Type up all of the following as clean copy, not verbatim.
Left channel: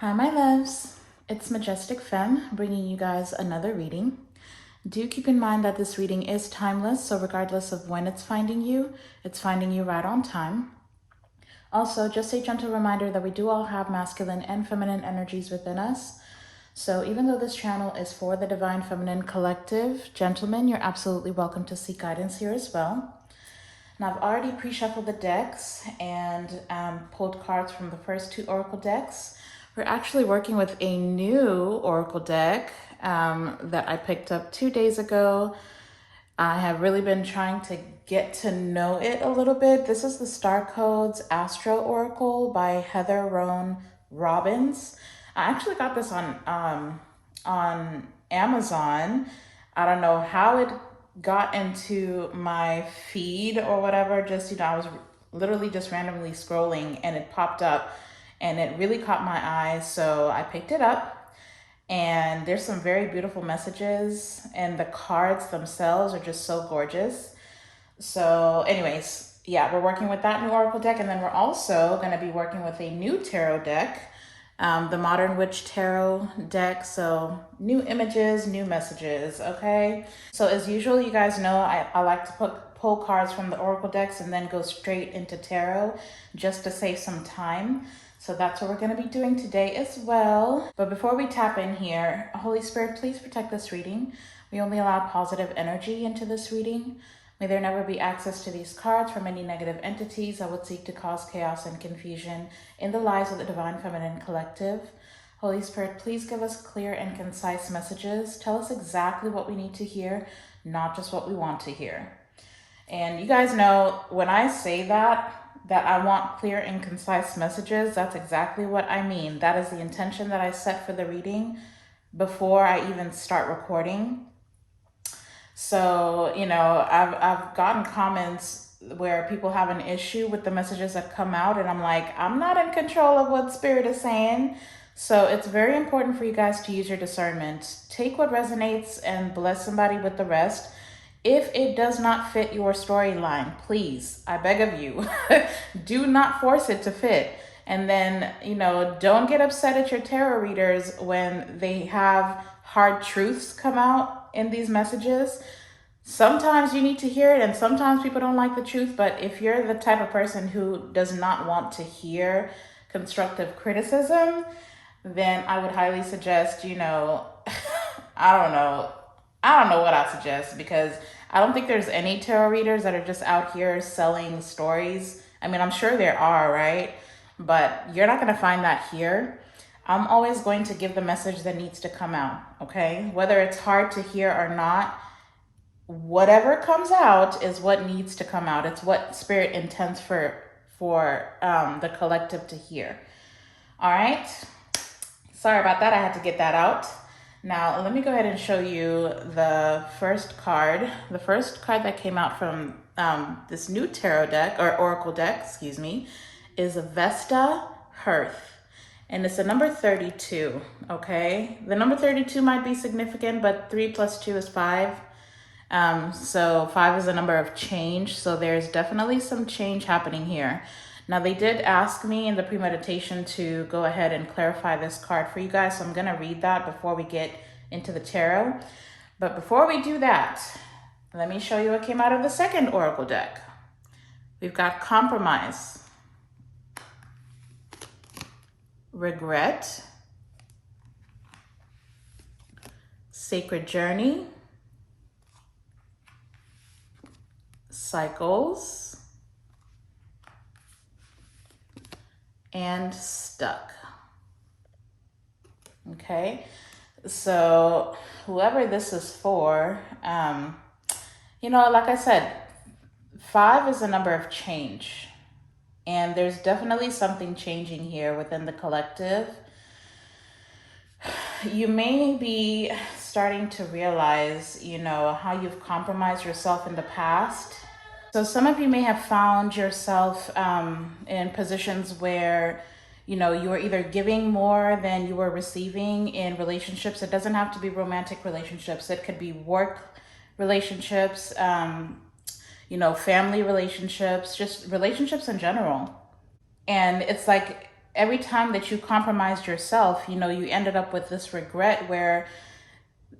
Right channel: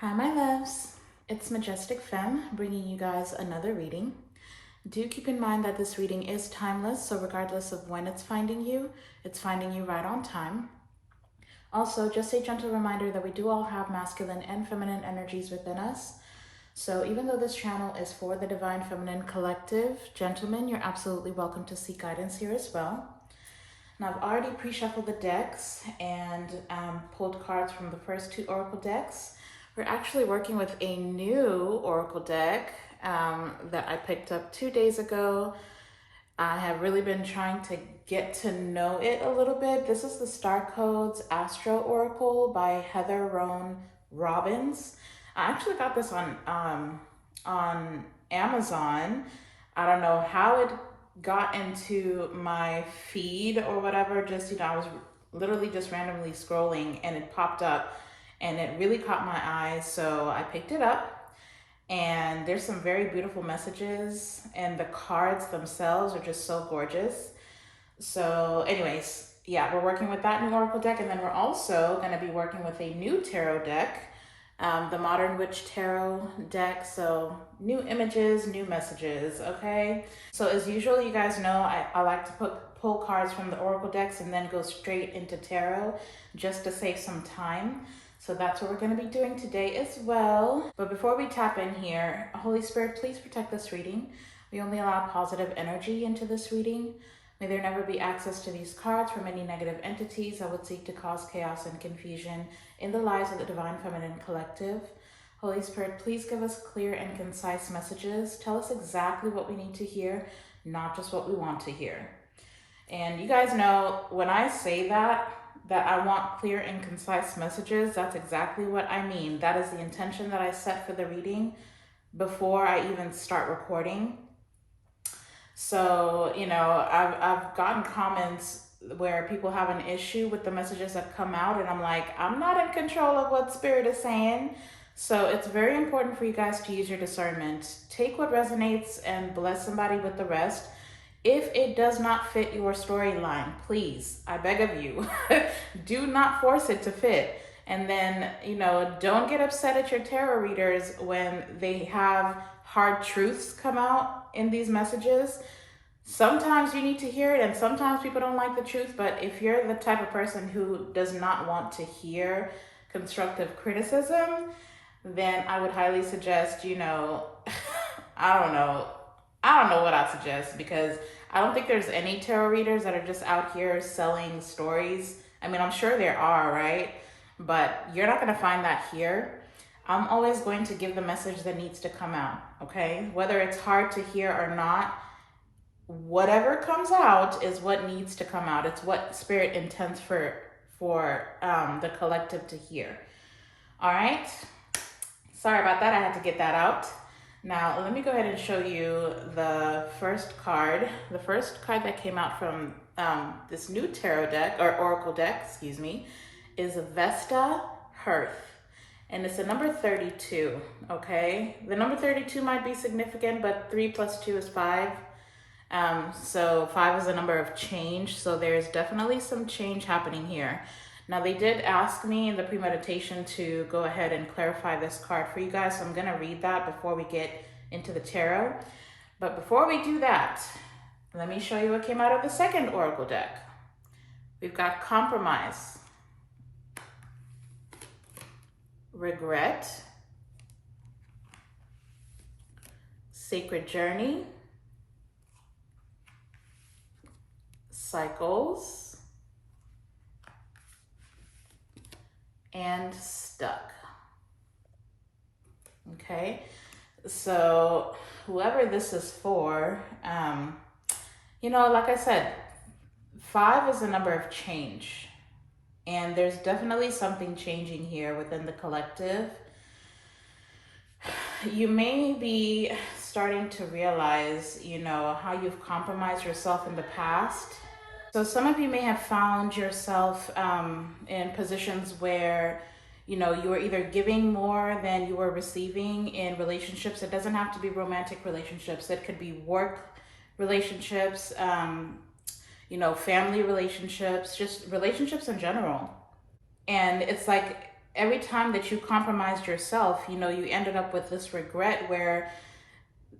Hi, my loves. It's Majestic Femme bringing you guys another reading. Do keep in mind that this reading is timeless, so regardless of when it's finding you right on time. Also, just a gentle reminder that we do all have masculine and feminine energies within us. So even though this channel is for the Divine Feminine Collective, gentlemen, you're absolutely welcome to seek guidance here as well. Now, I've already pre-shuffled the decks and pulled cards from the first two oracle decks. We're actually working with a new oracle deck that I picked up 2 days ago. I have really been trying to get to know it a little bit. This is the Star Codes Astro Oracle by Heather Roan Robbins. I actually got this on Amazon. I don't know how it got into my feed or whatever. Just, I was literally just randomly scrolling and it popped up and it really caught my eye. So I picked it up and there's some very beautiful messages and the cards themselves are just so gorgeous. So anyways, yeah, we're working with that new oracle deck, and then we're also going to be working with a new tarot deck, the Modern Witch Tarot deck. So new images, new messages, okay? So as usual, you guys know I like to pull cards from the oracle decks and then go straight into tarot just to save some time. So that's what we're going to be doing today as well. But before we tap in here, Holy Spirit, please protect this reading. We only allow positive energy into this reading. May there never be access to these cards from any negative entities that would seek to cause chaos and confusion in the lives of the Divine Feminine Collective. Holy Spirit, please give us clear and concise messages. Tell us exactly what we need to hear, not just what we want to hear. And you guys know when I say that I want clear and concise messages, that's exactly what I mean. That is the intention that I set for the reading before I even start recording. So, I've gotten comments where people have an issue with the messages that come out, and I'm like, I'm not in control of what Spirit is saying. So it's very important for you guys to use your discernment. Take what resonates and bless somebody with the rest. If it does not fit your storyline, please, I beg of you, do not force it to fit. And then, don't get upset at your tarot readers when they have hard truths come out in these messages. Sometimes you need to hear it and sometimes people don't like the truth, but if you're the type of person who does not want to hear constructive criticism, then I would highly suggest, I don't know what I suggest, because I don't think there's any tarot readers that are just out here selling stories. I mean, I'm sure there are, right? But you're not going to find that here. I'm always going to give the message that needs to come out, okay? Whether it's hard to hear or not, whatever comes out is what needs to come out. It's what Spirit intends for the collective to hear. All right? Sorry about that. I had to get that out. Now, let me go ahead and show you the first card. The first card that came out from this new tarot deck, or oracle deck, excuse me, is Vesta Hearth. And it's the number 32, okay? The number 32 might be significant, but 3 plus 2 is 5. So 5 is a number of change. So there's definitely some change happening here. Now, they did ask me in the premeditation to go ahead and clarify this card for you guys. So I'm going to read that before we get into the tarot. But before we do that, let me show you what came out of the second oracle deck. We've got compromise, regret, sacred journey, cycles, and stuck. Okay, so whoever this is for, like I said, 5 is a number of change, and there's definitely something changing here within the collective. You may be starting to realize, how you've compromised yourself in the past. So some of you may have found yourself in positions where, you were either giving more than you were receiving in relationships. It doesn't have to be romantic relationships. It could be work relationships, family relationships, just relationships in general. And it's like every time that you compromised yourself, you know, you ended up with this regret where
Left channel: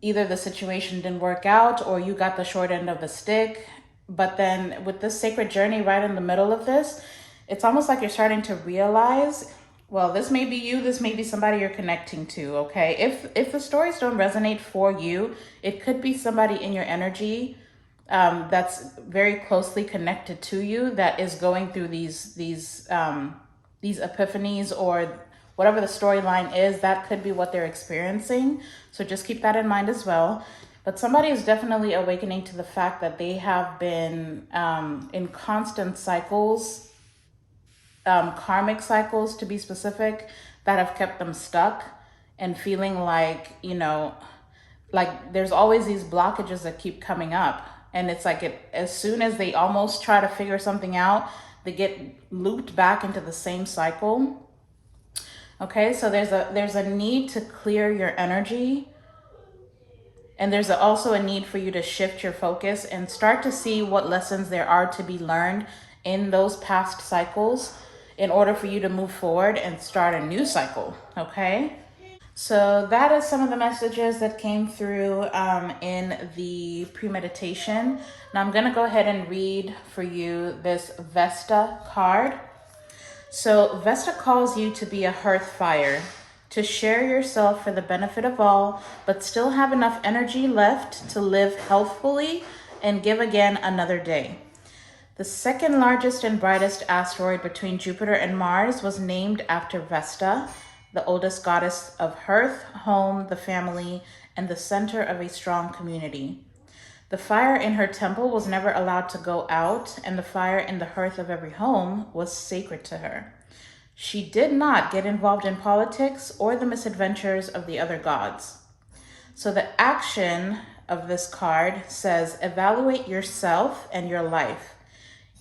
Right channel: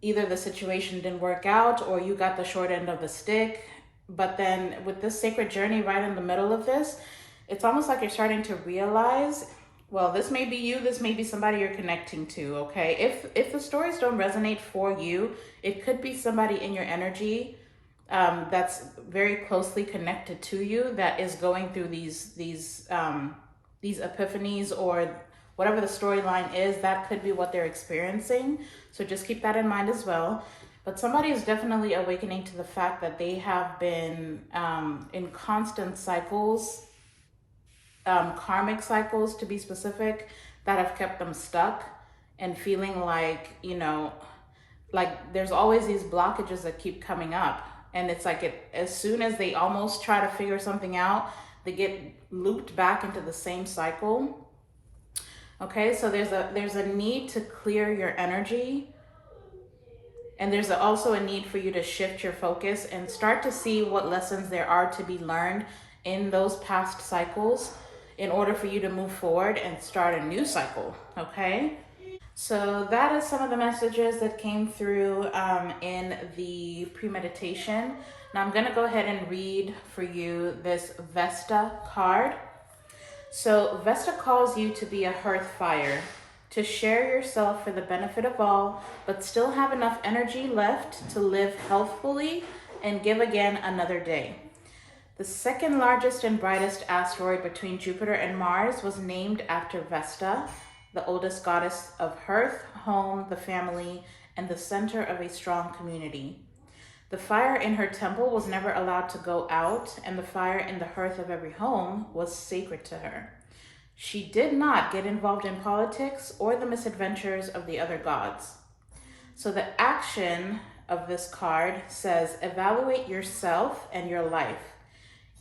either the situation didn't work out or you got the short end of the stick. But then with this sacred journey right in the middle of this, it's almost like you're starting to realize, well, this may be you, this may be somebody you're connecting to, okay? If the stories don't resonate for you, it could be somebody in your energy that's very closely connected to you that is going through these epiphanies, or whatever the storyline is. That could be what they're experiencing. So just keep that in mind as well. But somebody is definitely awakening to the fact that they have been in constant cycles, karmic cycles to be specific, that have kept them stuck and feeling like, you know, like there's always these blockages that keep coming up. And it's like as soon as they almost try to figure something out, they get looped back into the same cycle. Okay, so there's a need to clear your energy. And there's also a need for you to shift your focus and start to see what lessons there are to be learned in those past cycles in order for you to move forward and start a new cycle, okay? So that is some of the messages that came through in the premeditation. Now I'm gonna go ahead and read for you this Vesta card. So Vesta calls you to be a hearth fire, to share yourself for the benefit of all, but still have enough energy left to live healthfully and give again another day. The second largest and brightest asteroid between Jupiter and Mars was named after Vesta, the oldest goddess of hearth, home, the family, and the center of a strong community. The fire in her temple was never allowed to go out, and the fire in the hearth of every home was sacred to her. She did not get involved in politics or the misadventures of the other gods. So the action of this card says, evaluate yourself and your life.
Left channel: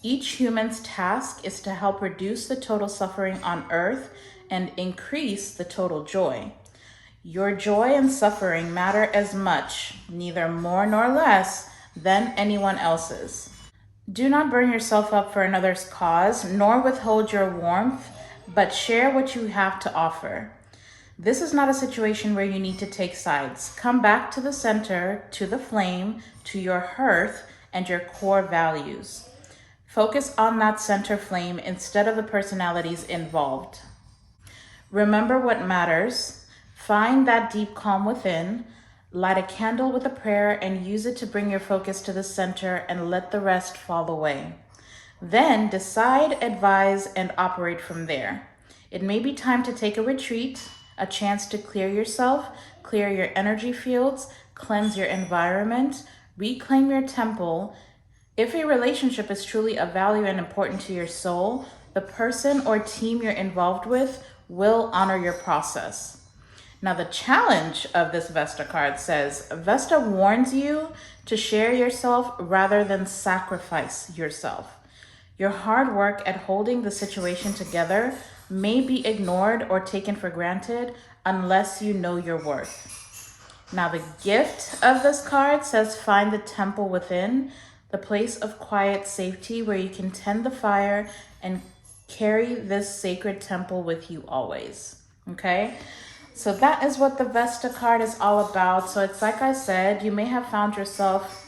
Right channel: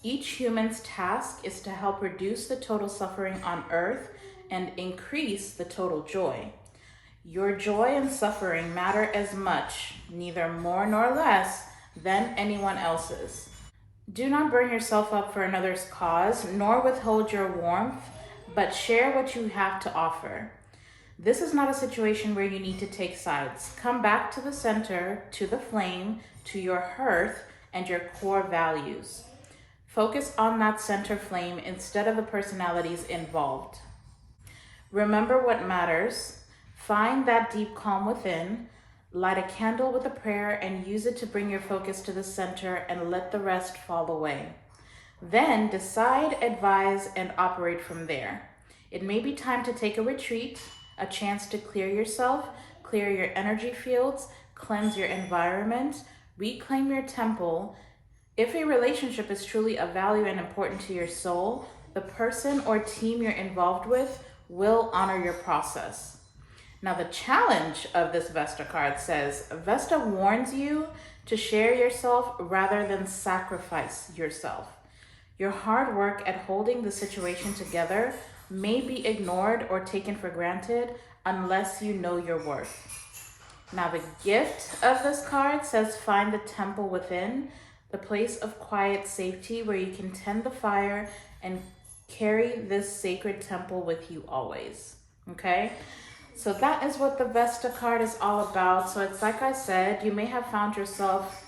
Each human's task is to help reduce the total suffering on earth and increase the total joy. Your joy and suffering matter as much, neither more nor less, than anyone else's. Do not burn yourself up for another's cause, nor withhold your warmth, but share what you have to offer. This is not a situation where you need to take sides. Come back to the center, to the flame, to your hearth, and your core values. Focus on that center flame instead of the personalities involved. Remember what matters. Find that deep calm within. Light a candle with a prayer and use it to bring your focus to the center and let the rest fall away. Then decide, advise, and operate from there. It may be time to take a retreat, a chance to clear yourself, clear your energy fields, cleanse your environment, reclaim your temple. If a relationship is truly of value and important to your soul, the person or team you're involved with will honor your process. Now the challenge of this Vesta card says, Vesta warns you to share yourself rather than sacrifice yourself. Your hard work at holding the situation together may be ignored or taken for granted unless you know your worth. Now the gift of this card says, find the temple within, the place of quiet safety where you can tend the fire and carry this sacred temple with you always, okay? So that is what the Vesta card is all about. So it's like I said, you may have found yourself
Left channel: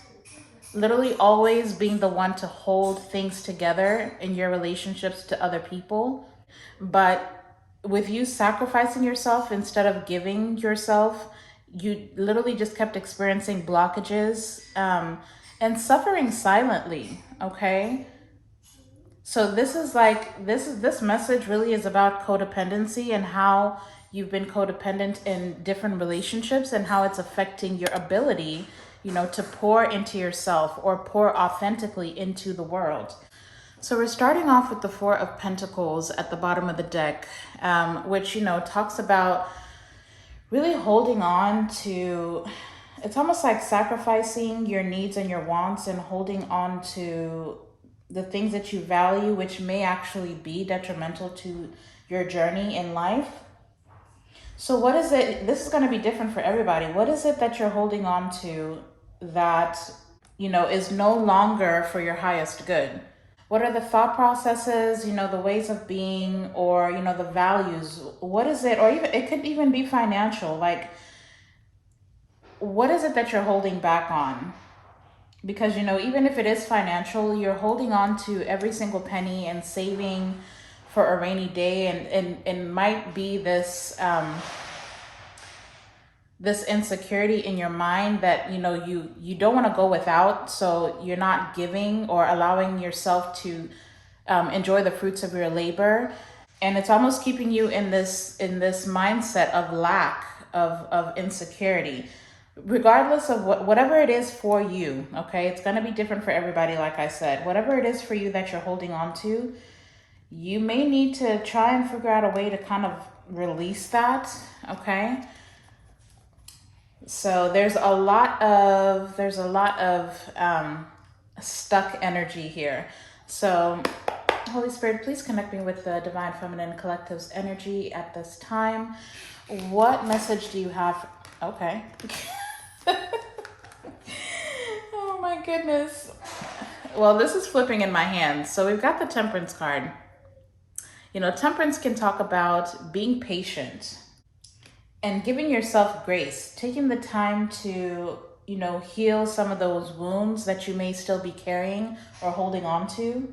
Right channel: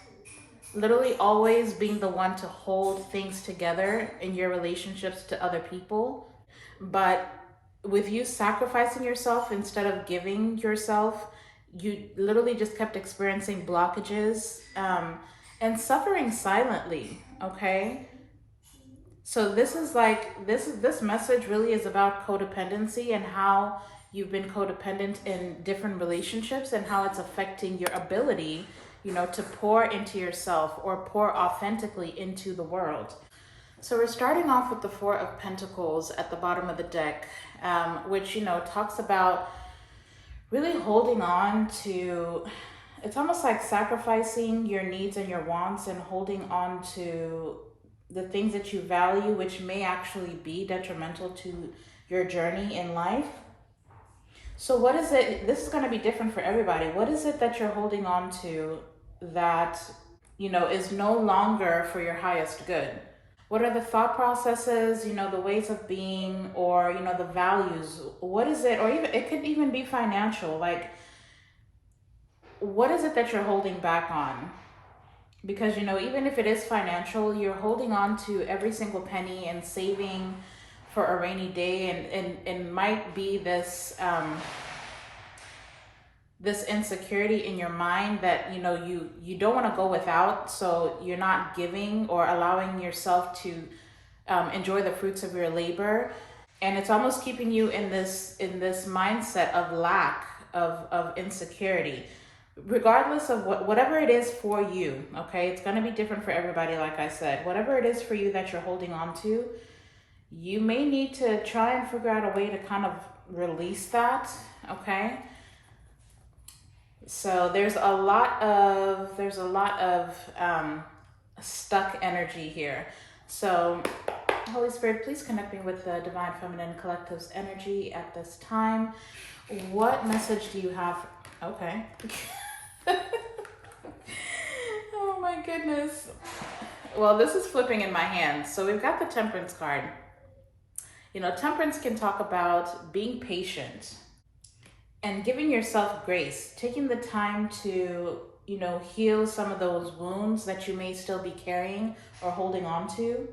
literally always being the one to hold things together in your relationships to other people. But with you sacrificing yourself instead of giving yourself, you literally just kept experiencing blockages and suffering silently, okay? So this message really is about codependency and how you've been codependent in different relationships and how it's affecting your ability, you know, to pour into yourself or pour authentically into the world. So we're starting off with the Four of Pentacles at the bottom of the deck, which, you know, talks about really holding on to, it's almost like sacrificing your needs and your wants and holding on to the things that you value, which may actually be detrimental to your journey in life. So what is it, this is going to be different for everybody. What is it that you're holding on to that, you know, is no longer for your highest good? What are the thought processes, you know, the ways of being, or, you know, the values? What is it? Or even, it could even be financial. Like, what is it that you're holding back on? Because, you know, even if it is financial, you're holding on to every single penny and saving for a rainy day. And might be this, this insecurity in your mind that, you know, you don't want to go without, so you're not giving or allowing yourself to enjoy the fruits of your labor. And it's almost keeping you in this mindset of lack, of insecurity, regardless of whatever it is for you. Okay, it's going to be different for everybody. Like I said, whatever it is for you that you're holding on to, you may need to try and figure out a way to kind of release that. Okay, so there's a lot of stuck energy here. So Holy Spirit, please connect me with the Divine Feminine Collective's energy at this time. What message do you have? Okay. Oh my goodness. Well, this is flipping in my hands. So we've got the Temperance card. You know, Temperance can talk about being patient and giving yourself grace, taking the time to, you know, heal some of those wounds that you may still be carrying or holding on to.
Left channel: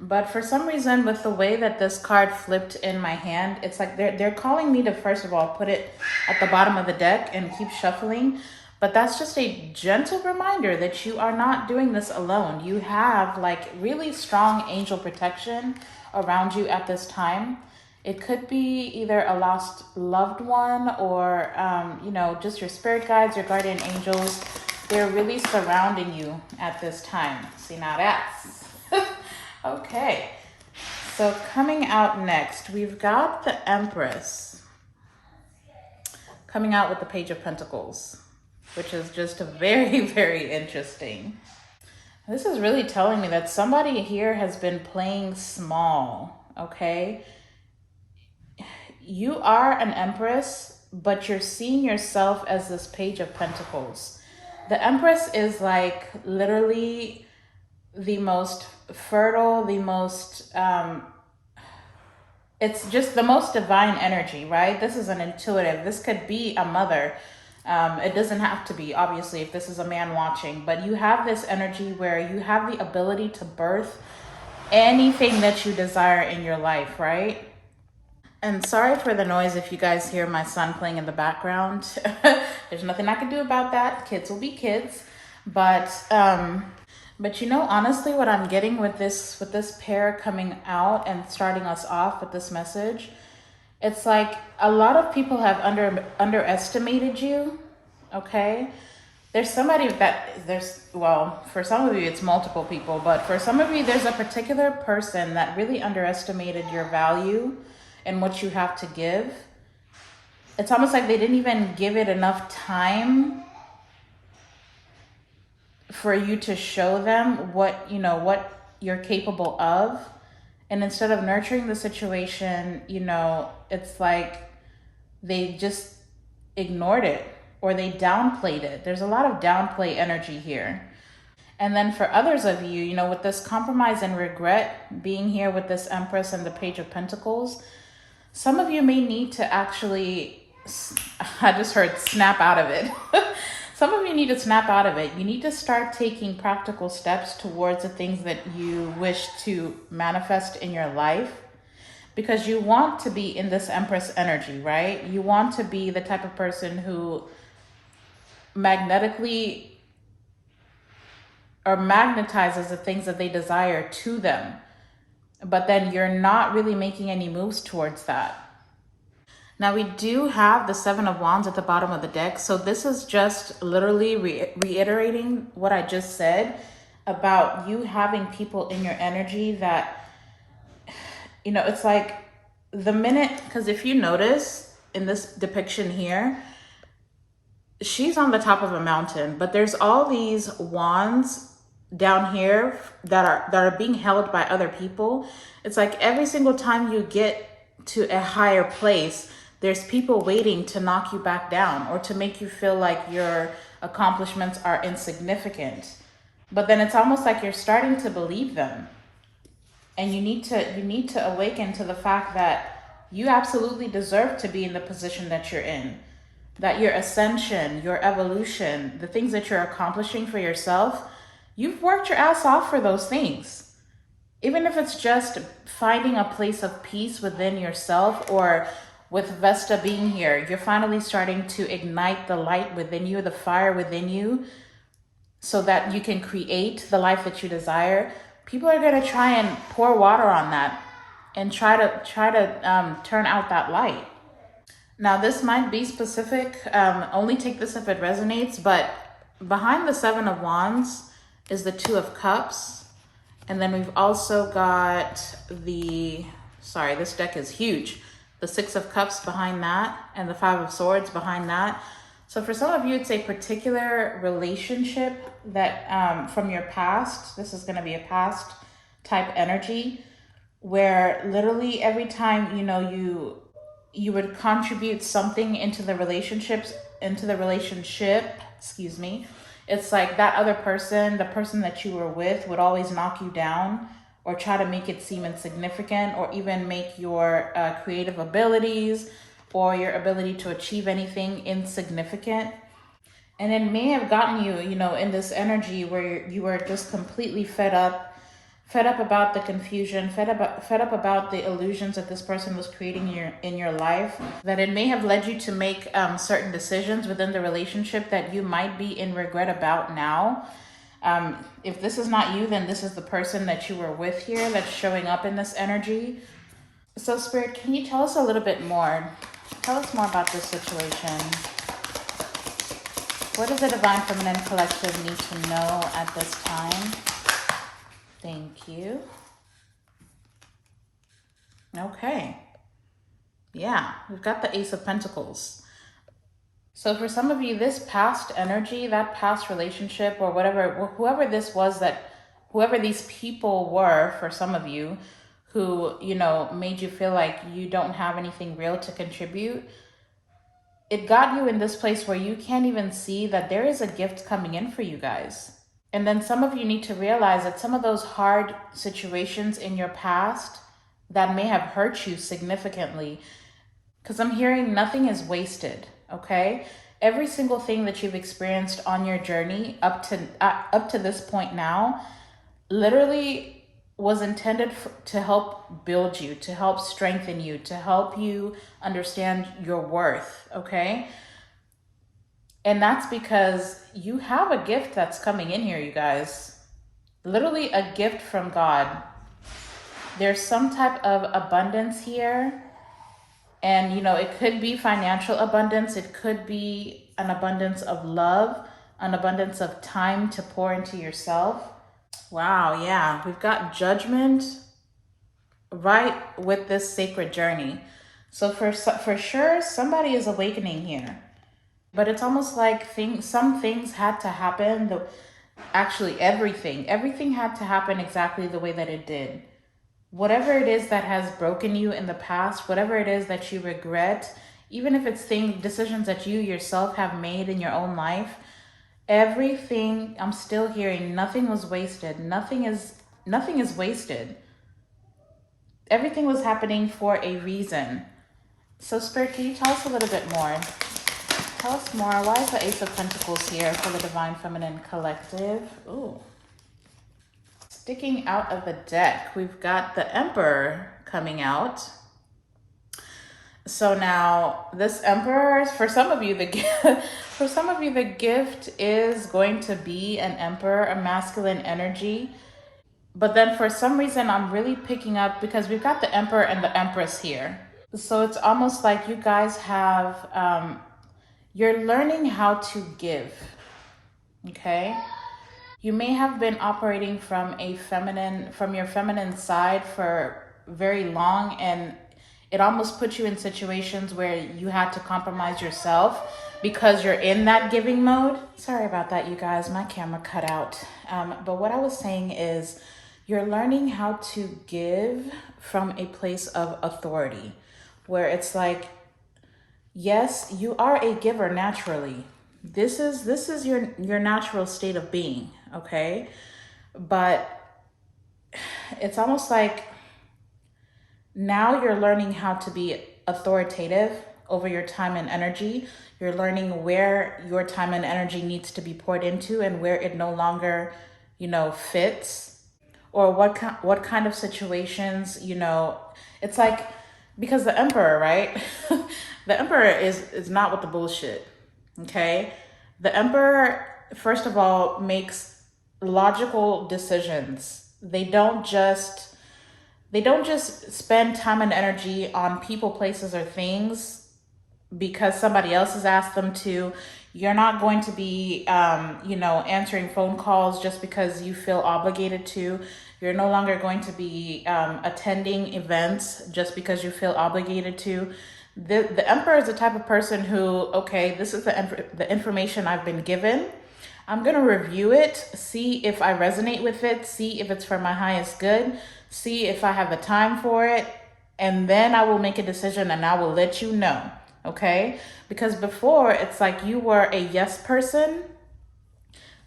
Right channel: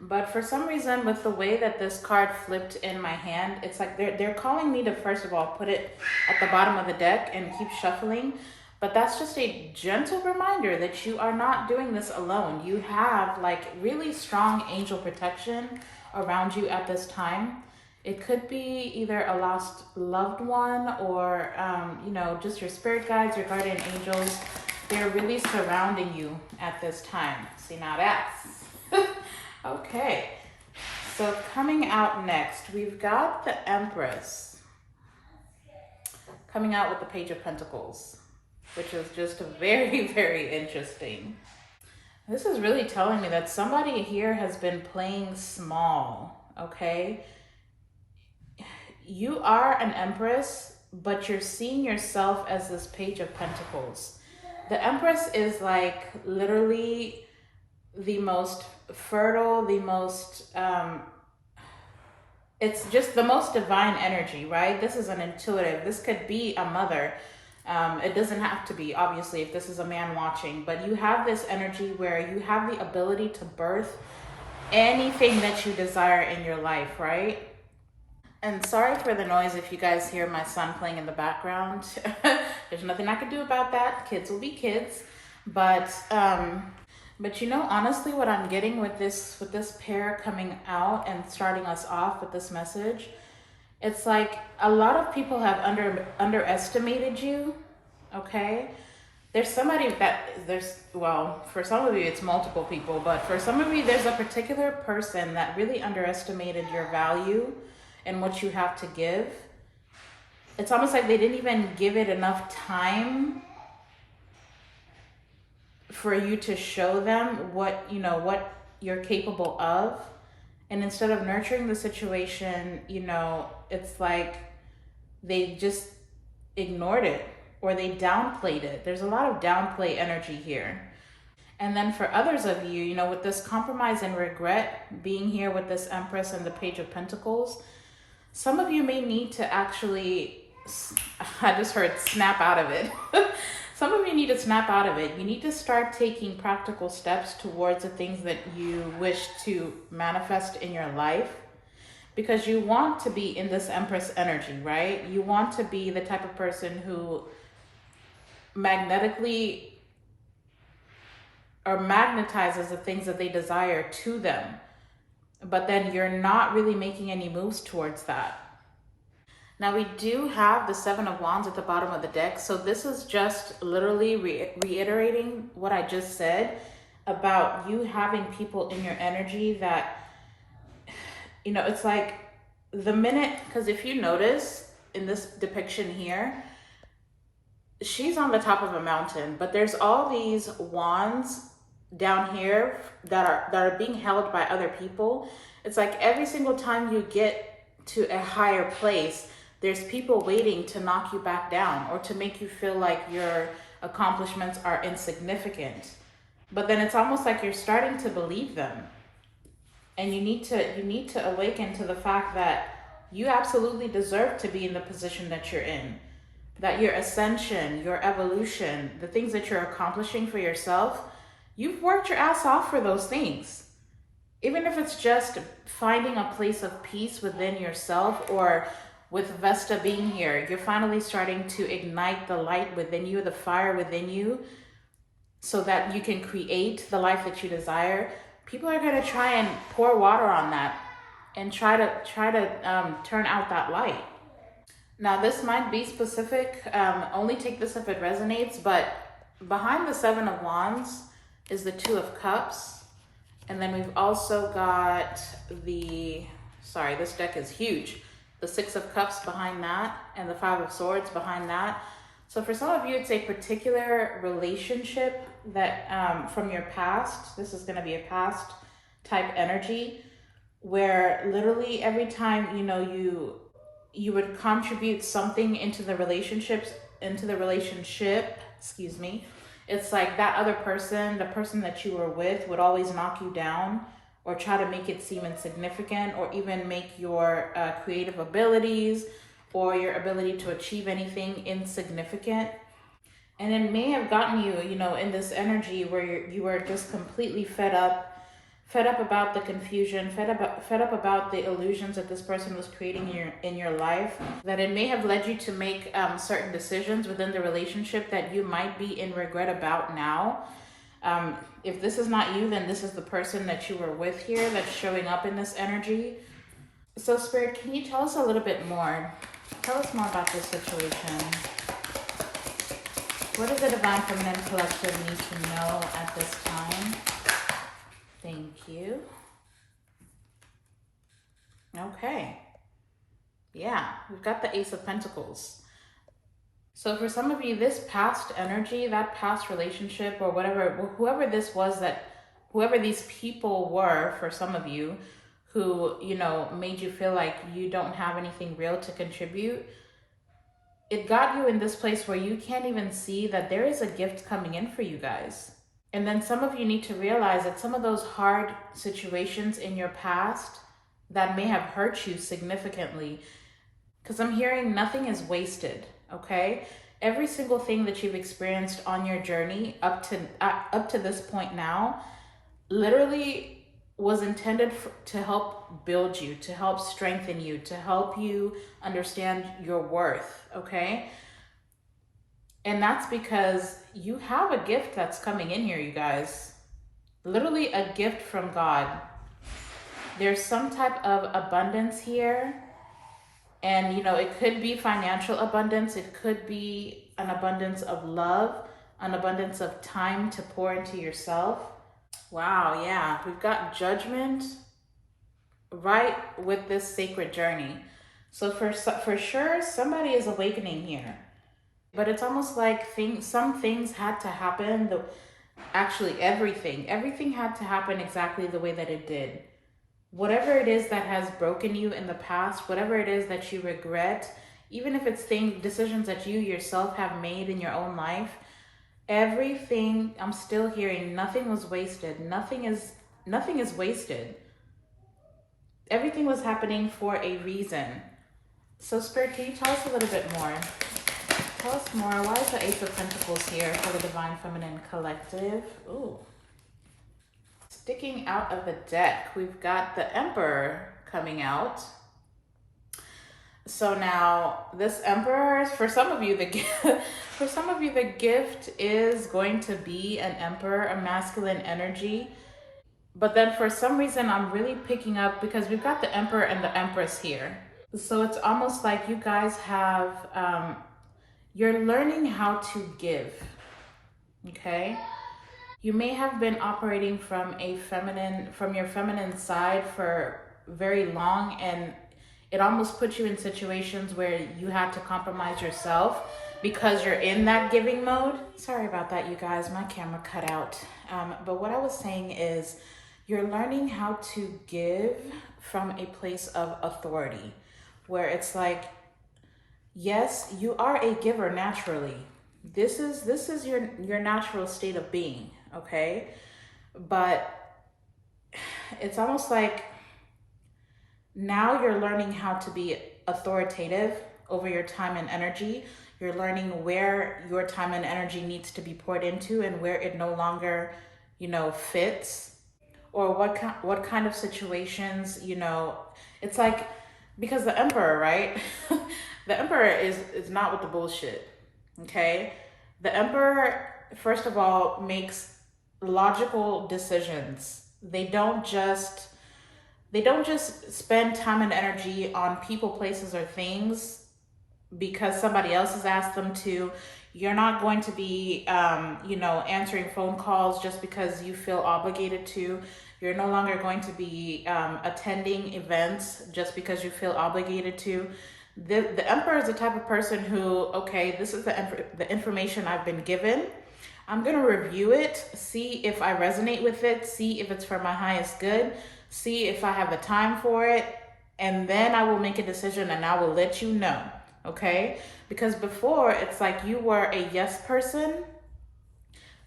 But for some reason, with the way that this card flipped in my hand, it's like they're calling me to, first of all, put it at the bottom of the deck and keep shuffling. But that's just a gentle reminder that you are not doing this alone. You have like really strong angel protection around you at this time. It could be either a lost loved one or, you know, just your spirit guides, your guardian angels. They're really surrounding you at this time. See, now that's... Okay. So coming out next, we've got the Empress coming out with the Page of Pentacles, which is just very, very interesting. This is really telling me that somebody here has been playing small, okay? You are an Empress, but you're seeing yourself as this Page of Pentacles. The Empress is like literally the most fertile, the most, it's just the most divine energy, right? This is an intuitive. This could be a mother. It doesn't have to be, obviously, if this is a man watching, but you have this energy where you have the ability to birth anything that you desire in your life, right? And sorry for the noise if you guys hear my son playing in the background. There's nothing I can do about that. Kids will be kids. But you know, honestly, what I'm getting with this pair coming out and starting us off with this message, it's like a lot of people have underestimated you, okay? There's somebody well, for some of you, it's multiple people, but for some of you, there's a particular person that really underestimated your value and what you have to give. It's almost like they didn't even give it enough time for you to show them what, you know, what you're capable of. And instead of nurturing the situation, you know, it's like they just ignored it or they downplayed it. There's a lot of downplay energy here. And then for others of you, you know, with this compromise and regret being here with this Empress and the Page of Pentacles, some of you may need to actually, I just heard snap out of it. Some of you need to snap out of it. You need to start taking practical steps towards the things that you wish to manifest in your life, because you want to be in this Empress energy, right? You want to be the type of person who magnetically or magnetizes the things that they desire to them, but then you're not really making any moves towards that. Now we do have the Seven of Wands at the bottom of the deck. So this is just literally reiterating what I just said about you having people in your energy that, you know, it's like the minute, because if you notice in this depiction here, she's on the top of a mountain, but there's all these wands down here that are being held by other people. It's like every single time you get to a higher place, there's people waiting to knock you back down or to make you feel like your accomplishments are insignificant. But then it's almost like you're starting to believe them. And you need to awaken to the fact that you absolutely deserve to be in the position that you're in. That your ascension, your evolution, the things that you're accomplishing for yourself, you've worked your ass off for those things. Even if it's just finding a place of peace within yourself, or with Vesta being here, you're finally starting to ignite the light within you, the fire within you, so that you can create the life that you desire. People are going to try and pour water on that and try to turn out that light. Now, this might be specific. Only take this if it resonates, but behind the Seven of Wands is the Two of Cups. And then we've also got this deck is huge. The Six of Cups behind that, and the Five of Swords behind that. So for some of you, it's a particular relationship that from your past. This is going to be a past type energy, where literally every time, you know, you would contribute something into the relationship, excuse me. It's like that other person, the person that you were with, would always knock you down or try to make it seem insignificant, or even make your creative abilities or your ability to achieve anything insignificant. And it may have gotten you, you know, in this energy where you were just completely fed up about the confusion, fed up about the illusions that this person was creating in your life, that it may have led you to make certain decisions within the relationship that you might be in regret about now. If this is not you, then this is the person that you were with here that's showing up in this energy. So Spirit, can you tell us a little bit more? Tell us more about this situation. What does the Divine Feminine Collective need to know at this time? Thank you. Okay. Yeah, we've got the Ace of Pentacles. So for some of you, this past energy, that past relationship, or whoever this was, whoever these people were for some of you, who, you know, made you feel like you don't have anything real to contribute, it got you in this place where you can't even see that there is a gift coming in for you guys. And then some of you need to realize that some of those hard situations in your past that may have hurt you significantly, because I'm hearing nothing is wasted, okay? Every single thing that you've experienced on your journey up to this point now, literally was intended to help build you, to help strengthen you, to help you understand your worth, okay? And that's because you have a gift that's coming in here, you guys. Literally a gift from God. There's some type of abundance here. And, you know, it could be financial abundance. It could be an abundance of love, an abundance of time to pour into yourself. Wow, yeah. We've got Judgment right with this sacred journey. So for sure, somebody is awakening here. But it's almost like some things had to happen. Actually, everything had to happen exactly the way that it did. Whatever it is that has broken you in the past, whatever it is that you regret, even if it's decisions that you yourself have made in your own life, everything, I'm still hearing, nothing was wasted. Nothing is wasted. Everything was happening for a reason. So Spirit, can you tell us a little bit more? Tell us more. Why is the Ace of Pentacles here for the Divine Feminine Collective? Ooh. Sticking out of the deck, we've got the Emperor coming out. So now this Emperor, for some of you, the gift is going to be an Emperor, a masculine energy. But then for some reason, I'm really picking up, because we've got the Emperor and the Empress here. So it's almost like you guys have, you're learning how to give, okay? You may have been operating from your feminine side for very long, and it almost puts you in situations where you had to compromise yourself because you're in that giving mode. Sorry about that, you guys, my camera cut out. But what I was saying is, you're learning how to give from a place of authority, where it's like, yes, you are a giver naturally. This is your natural state of being, okay? But it's almost like now you're learning how to be authoritative over your time and energy. You're learning where your time and energy needs to be poured into and where it no longer, fits, or what kind of situations, it's like, because the emperor, right? The emperor is not with the bullshit. Okay? The emperor, first of all, makes logical decisions. They don't just spend time and energy on people, places, or things because somebody else has asked them to. You're not going to be, answering phone calls just because you feel obligated to. You're no longer going to be attending events just because you feel obligated to. The emperor is the type of person who, okay, this is the information I've been given. I'm going to review it, see if I resonate with it, see if it's for my highest good, see if I have the time for it, and then I will make a decision and I will let you know, okay? Because before, it's like you were a yes person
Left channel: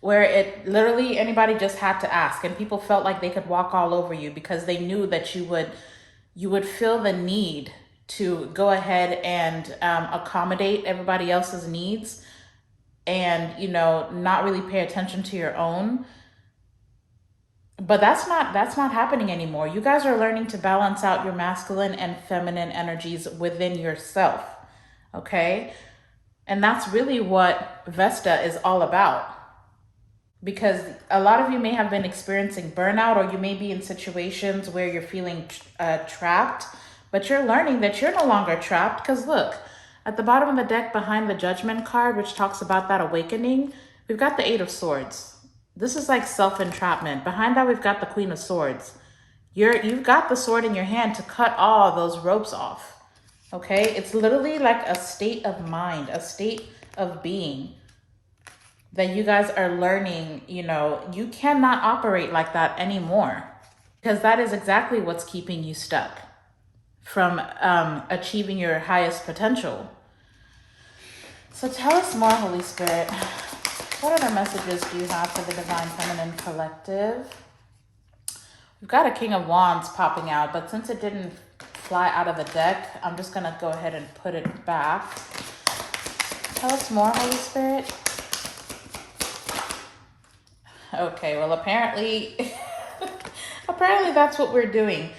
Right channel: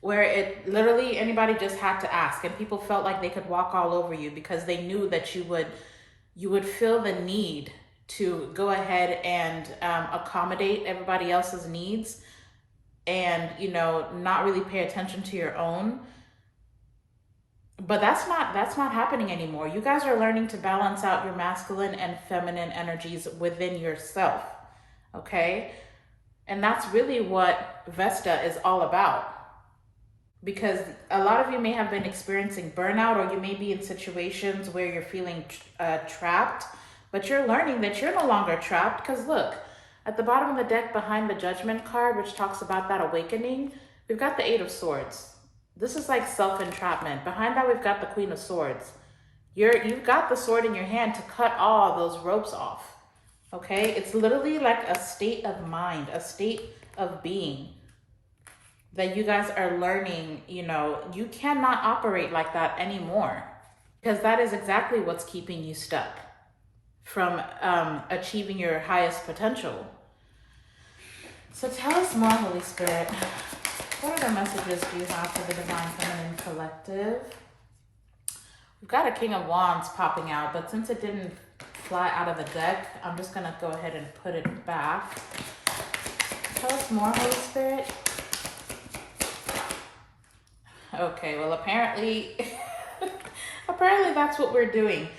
where it literally anybody just had to ask, and people felt like they could walk all over you because they knew that you would feel the need to go ahead and accommodate everybody else's needs and not really pay attention to your own. But that's not happening anymore. You guys are learning to balance out your masculine and feminine energies within yourself, okay? And that's really what Vesta is all about, because a lot of you may have been experiencing burnout, or you may be in situations where you're feeling trapped, but you're learning that you're no longer trapped. Because look, at the bottom of the deck behind the Judgment card, which talks about that awakening, we've got the Eight of Swords. This is like self-entrapment. Behind that, we've got the Queen of Swords. You've got the sword in your hand to cut all those ropes off, okay? It's literally like a state of mind, a state of being that you guys are learning. You cannot operate like that anymore, because that is exactly what's keeping you stuck from achieving your highest potential. So tell us more, Holy Spirit. What other messages do you have for the Divine Feminine Collective? We've got a King of Wands popping out, but since it didn't fly out of the deck, I'm just going to go ahead and put it back. Tell us more, Holy Spirit. Okay, well, apparently that's what we're doing.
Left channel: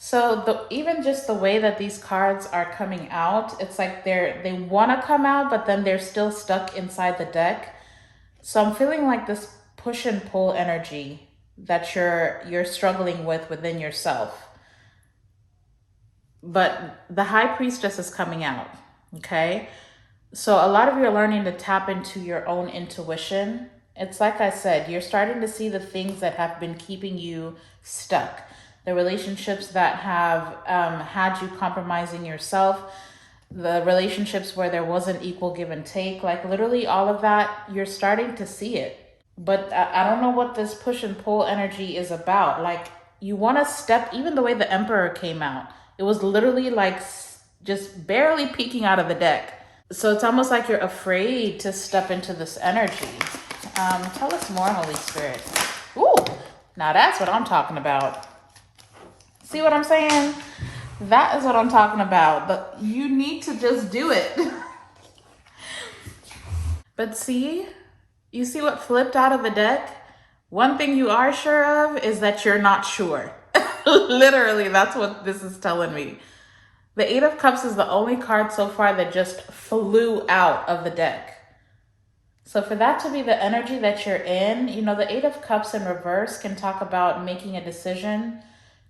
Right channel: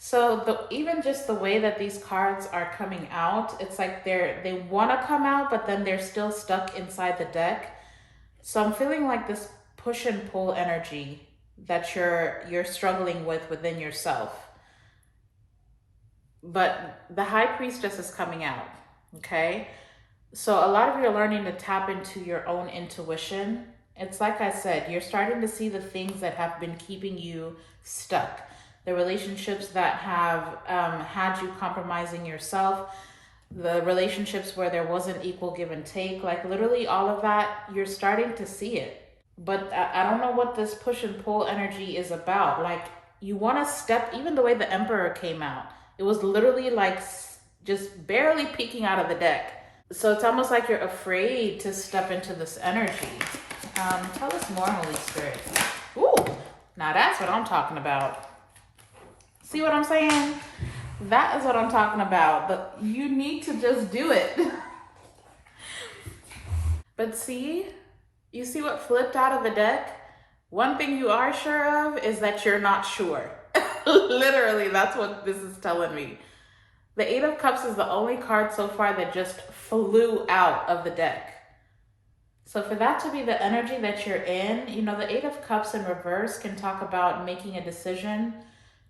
So even just the way that these cards are coming out, it's like they want to come out, but then they're still stuck inside the deck. So I'm feeling like this push and pull energy that you're struggling with within yourself. But the High Priestess is coming out, okay? So a lot of you are learning to tap into your own intuition. It's like I said, you're starting to see the things that have been keeping you stuck. The relationships that have had you compromising yourself, the relationships where there wasn't equal give and take, like literally all of that, you're starting to see it. But I don't know what this push and pull energy is about. Like, you want to step, even the way the Emperor came out, it was literally like just barely peeking out of the deck. So it's almost like you're afraid to step into this energy. Tell us more, Holy Spirit. Ooh, now that's what I'm talking about. See what I'm saying? That is what I'm talking about. But you need to just do it. But see, you see what flipped out of the deck? One thing you are sure of is that you're not sure. Literally, that's what this is telling me. The Eight of Cups is the only card so far that just flew out of the deck. So for that to be the energy that you're in, the Eight of Cups in reverse can talk about making a decision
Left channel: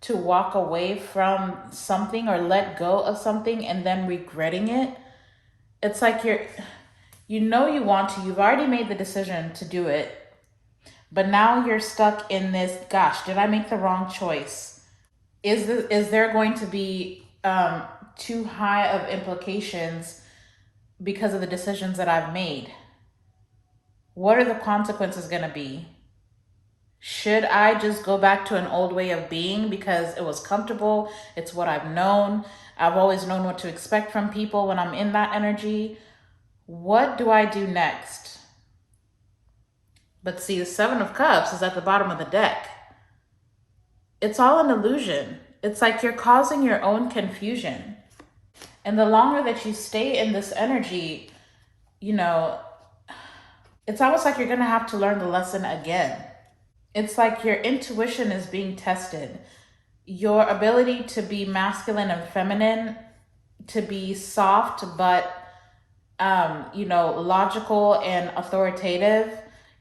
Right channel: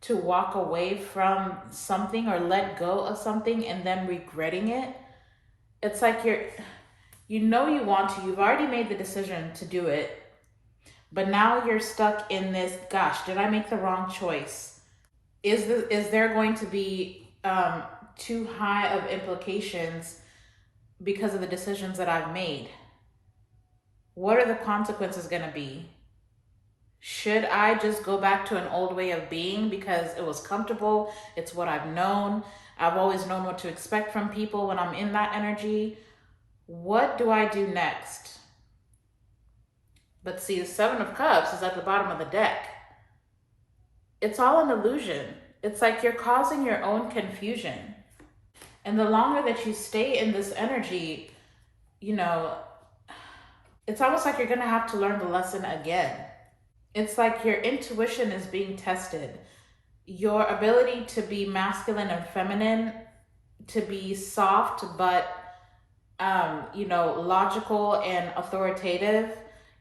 to walk away from something or let go of something and then regretting it. It's like you want to, you've already made the decision to do it, but now you're stuck in this, gosh, did I make the wrong choice? Is there going to be too high of implications because of the decisions that I've made? What are the consequences going to be? Should I just go back to an old way of being because it was comfortable? It's what I've known. I've always known what to expect from people when I'm in that energy. What do I do next? But see, the Seven of Cups is at the bottom of the deck. It's all an illusion. It's like you're causing your own confusion. And the longer that you stay in this energy, you know, it's almost like you're going to have to learn the lesson again. It's like your intuition is being tested. Your ability to be masculine and feminine, to be soft but logical and authoritative,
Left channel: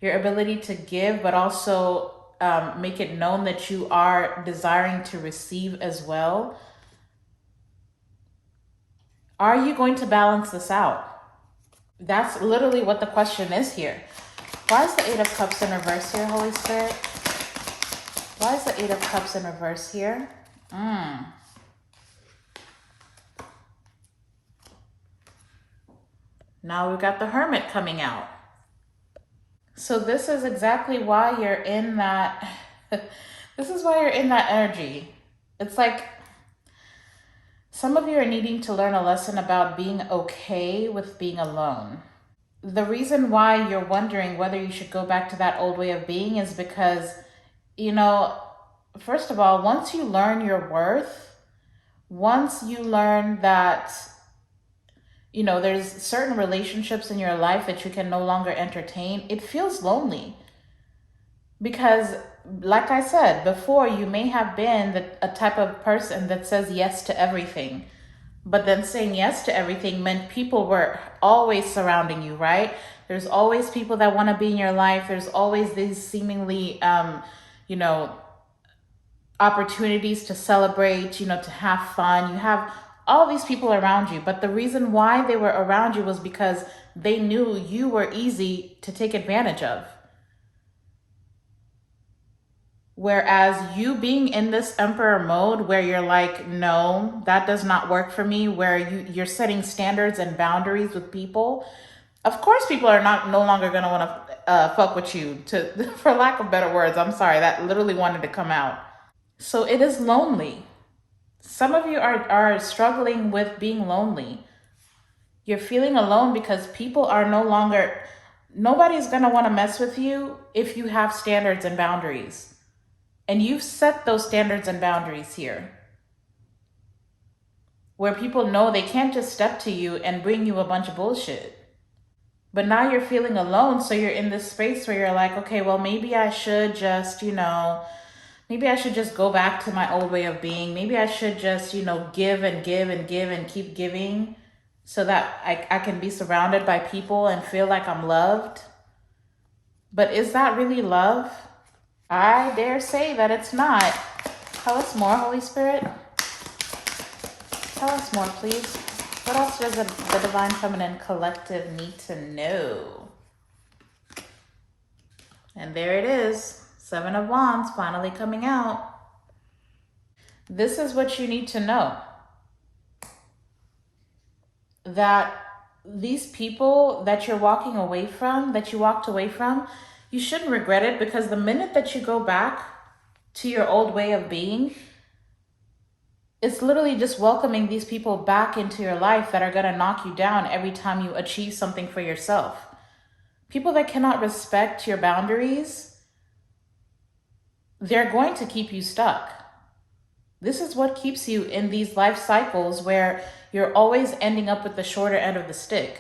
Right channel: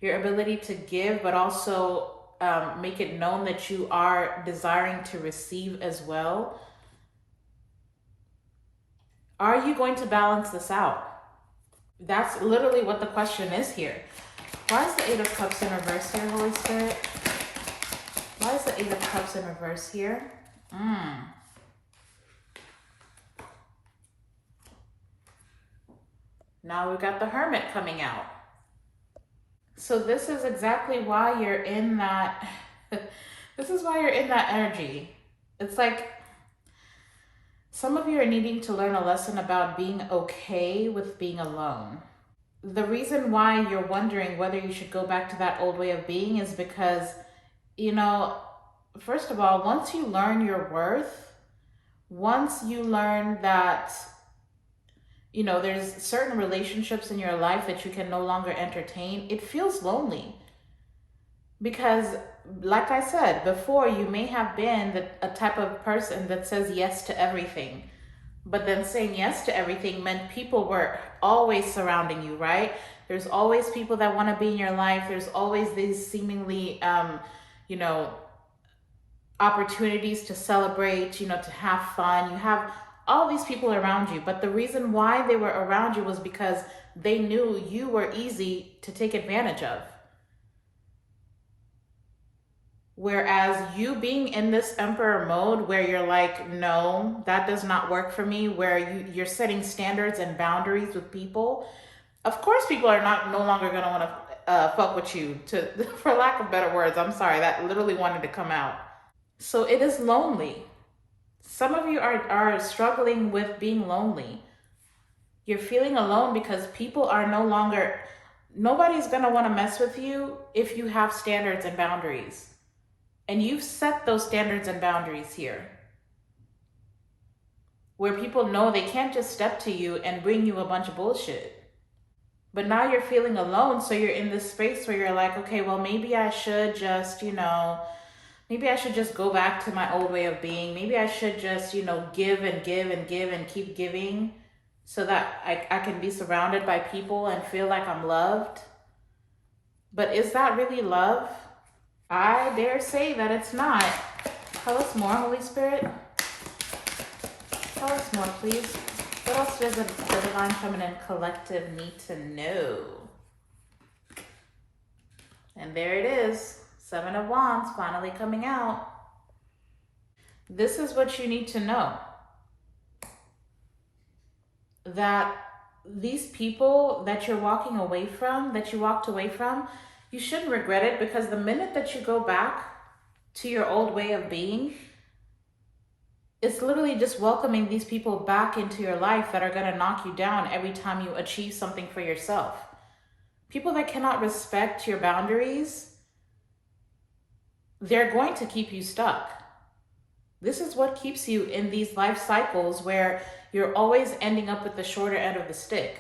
your ability to give but also make it known that you are desiring to receive as well. Are you going to balance this out? That's literally what the question is here. Why is the Eight of Cups in reverse here, Holy Spirit? Why is the Eight of Cups in reverse here? Now we've got the Hermit coming out. So this is exactly why you're in that, this is why you're in that energy. It's like some of you are needing to learn a lesson about being okay with being alone. The reason why you're wondering whether you should go back to that old way of being is because, first of all, once you learn your worth, once you learn that, there's certain relationships in your life that you can no longer entertain, it feels lonely. Because, like I said before, you may have been a type of person that says yes to everything. But then saying yes to everything meant people were always surrounding you, right? There's always people that want to be in your life. There's always these seemingly, opportunities to celebrate, to have fun. You have all these people around you. But the reason why they were around you was because they knew you were easy to take advantage of. Whereas you being in this emperor mode where you're like, no, that does not work for me, where you're setting standards and boundaries with people, of course people are no longer going to want to fuck with you, for lack of better words. I'm sorry, that literally wanted to come out. So it is lonely. Some of you are struggling with being lonely. You're feeling alone because people are nobody's going to want to mess with you if you have standards and boundaries. And you've set those standards and boundaries here, where people know they can't just step to you and bring you a bunch of bullshit. But now you're feeling alone, so you're in this space where you're like, okay, well, maybe I should just, maybe I should just go back to my old way of being. Maybe I should just, give and give and give and keep giving so that I can be surrounded by people and feel like I'm loved. But is that really love? I dare say that it's not. Tell us more, Holy Spirit. Tell us more, please. What else does the Divine Feminine Collective need to know? And there it is. Seven of Wands finally coming out. This is what you need to know. That these people that you're walking away from, that you walked away from, you shouldn't regret it, because the minute that you go back to your old way of being, it's literally just welcoming these people back into your life that are going to knock you down every time you achieve something for yourself. People that cannot respect your boundaries, they're going to keep you stuck. This is what keeps you in these life cycles where you're always ending up with the shorter end of the stick.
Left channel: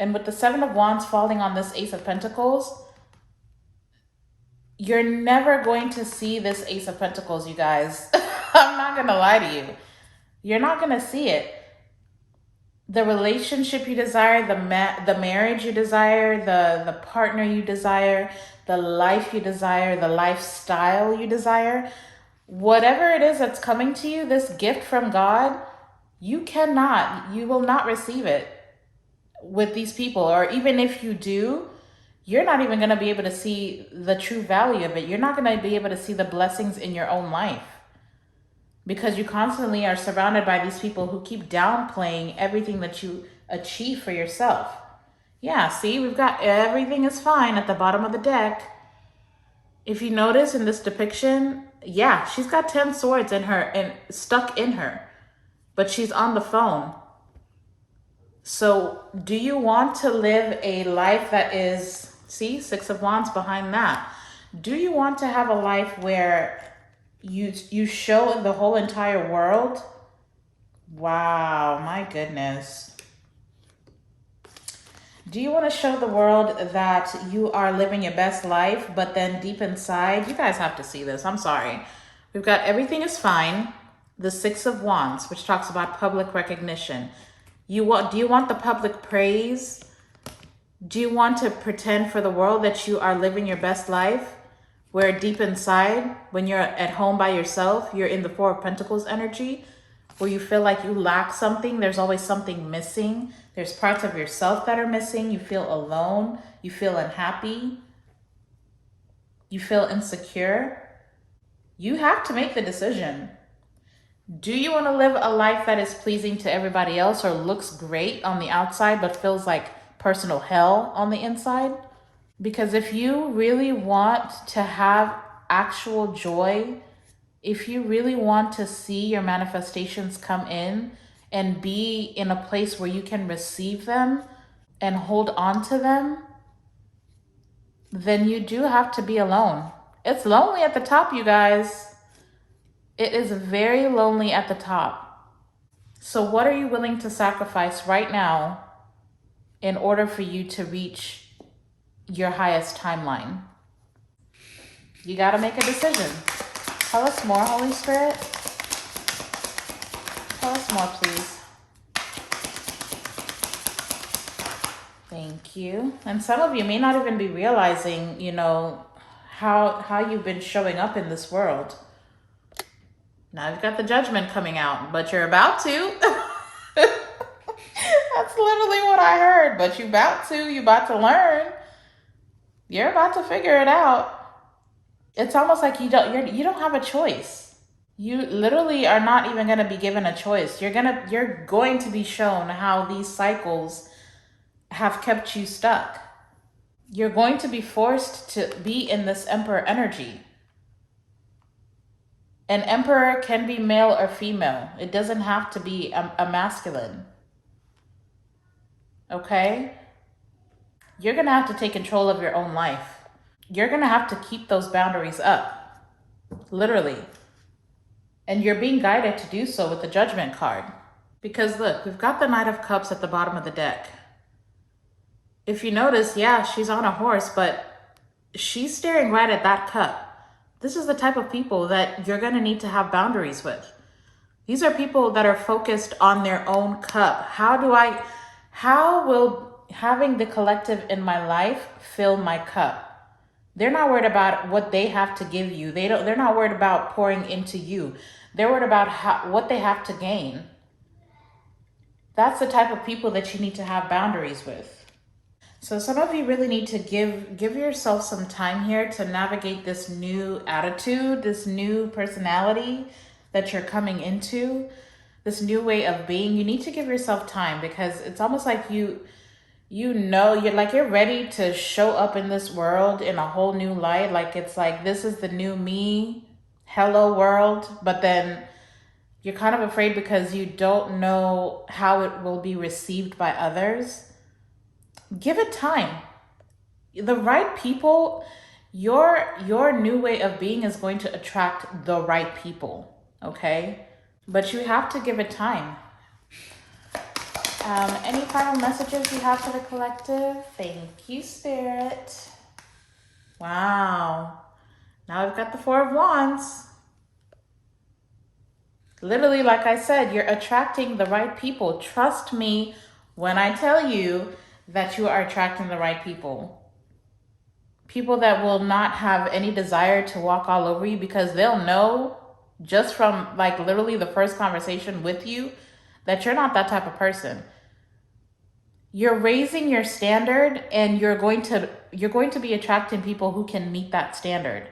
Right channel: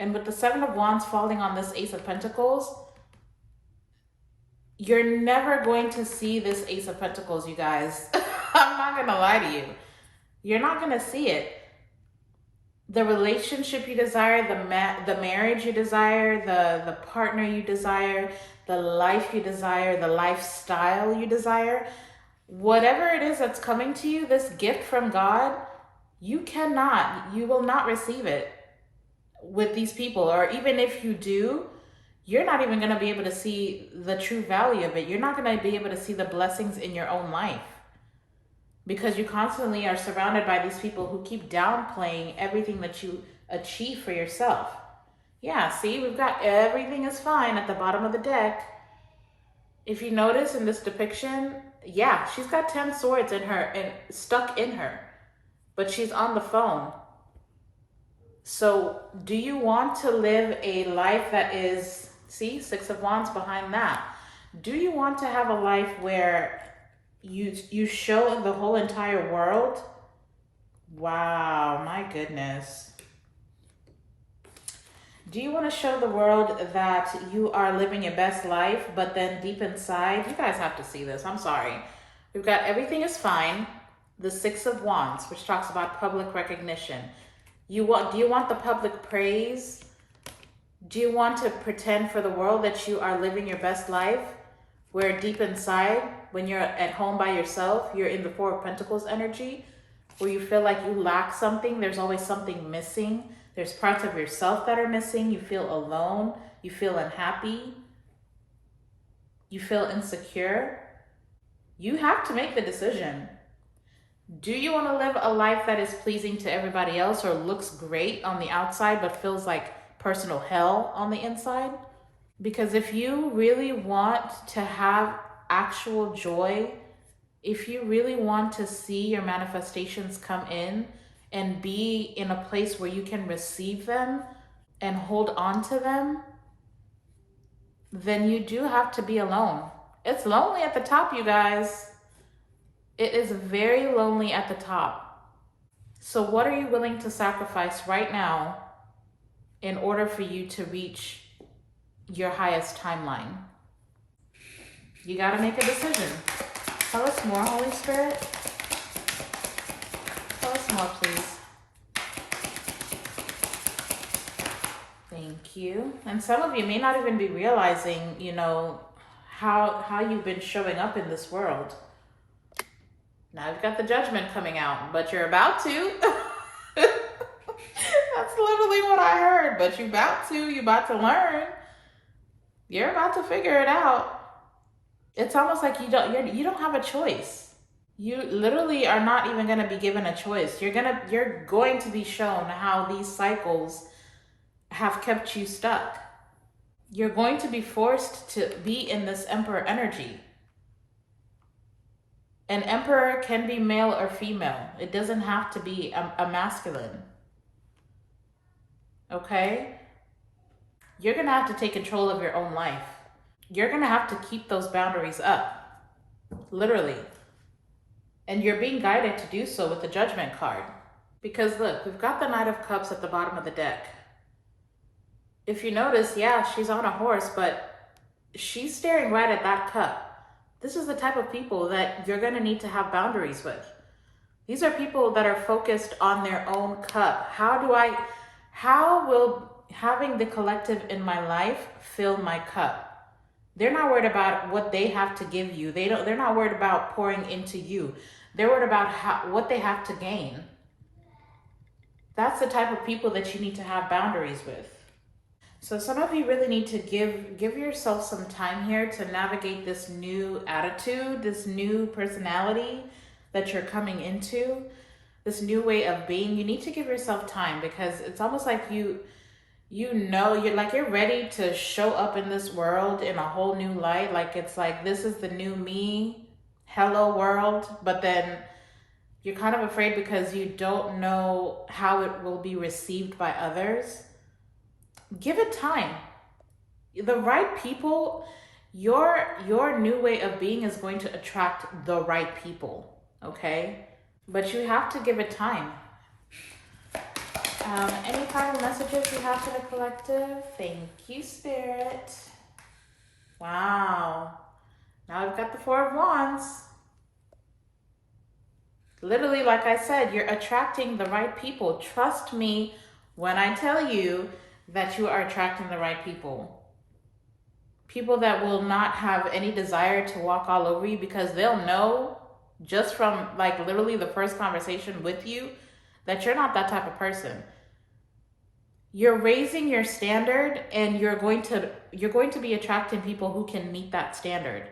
And with the Seven of Wands falling on this Ace of Pentacles, you're never going to see this Ace of Pentacles, you guys. I'm not going to lie to you. You're not going to see it. The relationship you desire, the marriage you desire, the partner you desire, the life you desire, the lifestyle you desire, whatever it is that's coming to you, this gift from God, you will not receive it with these people. Or even if you do, you're not even going to be able to see the true value of it. You're not going to be able to see the blessings in your own life, because you constantly are surrounded by these people who keep downplaying everything that you achieve for yourself. Yeah, see, we've got everything is fine at the bottom of the deck. If you notice in this depiction, yeah, she's got 10 swords in her and stuck in her, but she's on the phone. So do you want to live a life that is, see, Six of Wands behind that. Do you want to have a life where You show the whole entire world. Wow, my goodness. Do you want to show the world that you are living your best life, but then deep inside, you guys have to see this. I'm sorry. We've got everything is fine. The Six of Wands, which talks about public recognition. Do you want the public praise? Do you want to pretend for the world that you are living your best life? Where deep inside, when you're at home by yourself, you're in the Four of Pentacles energy, where you feel like you lack something, there's always something missing. There's parts of yourself that are missing. You feel alone. You feel unhappy. You feel insecure. You have to make the decision. Do you want to live a life that is pleasing to everybody else or looks great on the outside but feels like personal hell on the inside? Because if you really want to have actual joy, if you really want to see your manifestations come in and be in a place where you can receive them and hold on to them, then you do have to be alone. It's lonely at the top, you guys. It is very lonely at the top. So what are you willing to sacrifice right now in order for you to reach your highest timeline? You got to make a decision. Tell us more, Holy Spirit. Tell us more, please. Thank you. And some of you may not even be realizing, you know, how you've been showing up in this world. Now you've got the Judgment coming out, but you're about to. That's literally what I heard. But you're about to learn. You're about to figure it out. It's almost like you don't have a choice. You literally are not even going to be given a choice. You're going to be shown how these cycles have kept you stuck. You're going to be forced to be in this Emperor energy. An Emperor can be male or female. It doesn't have to be a masculine. Okay? You're going to have to take control of your own life. You're going to have to keep those boundaries up. Literally. And you're being guided to do so with the Judgment card. Because look, we've got the Knight of Cups at the bottom of the deck. If you notice, yeah, she's on a horse, but she's staring right at that cup. This is the type of people that you're going to need to have boundaries with. These are people that are focused on their own cup. How will having the collective in my life fill my cup? They're not worried about what they have to give you. They're not worried about pouring into you. They're worried about what they have to gain. That's the type of people that you need to have boundaries with. So some of you really need to give yourself some time here to navigate this new attitude, this new personality that you're coming into, this new way of being. You need to give yourself time because it's almost like you're ready to show up in this world in a whole new light. Like it's like, this is the new me, hello world. But then you're kind of afraid because you don't know how it will be received by others. Give it time. The right people, your new way of being is going to attract the right people, okay? But you have to give it time. Any final messages you have for the collective? Thank you, Spirit. Wow. Now we've got the Four of Wands. Literally, like I said, you're attracting the right people. Trust me when I tell you that you are attracting the right people. People that will not have any desire to walk all over you because they'll know just from like literally the first conversation with you that you're not that type of person. You're raising your standard and you're going to be attracting people who can meet that standard.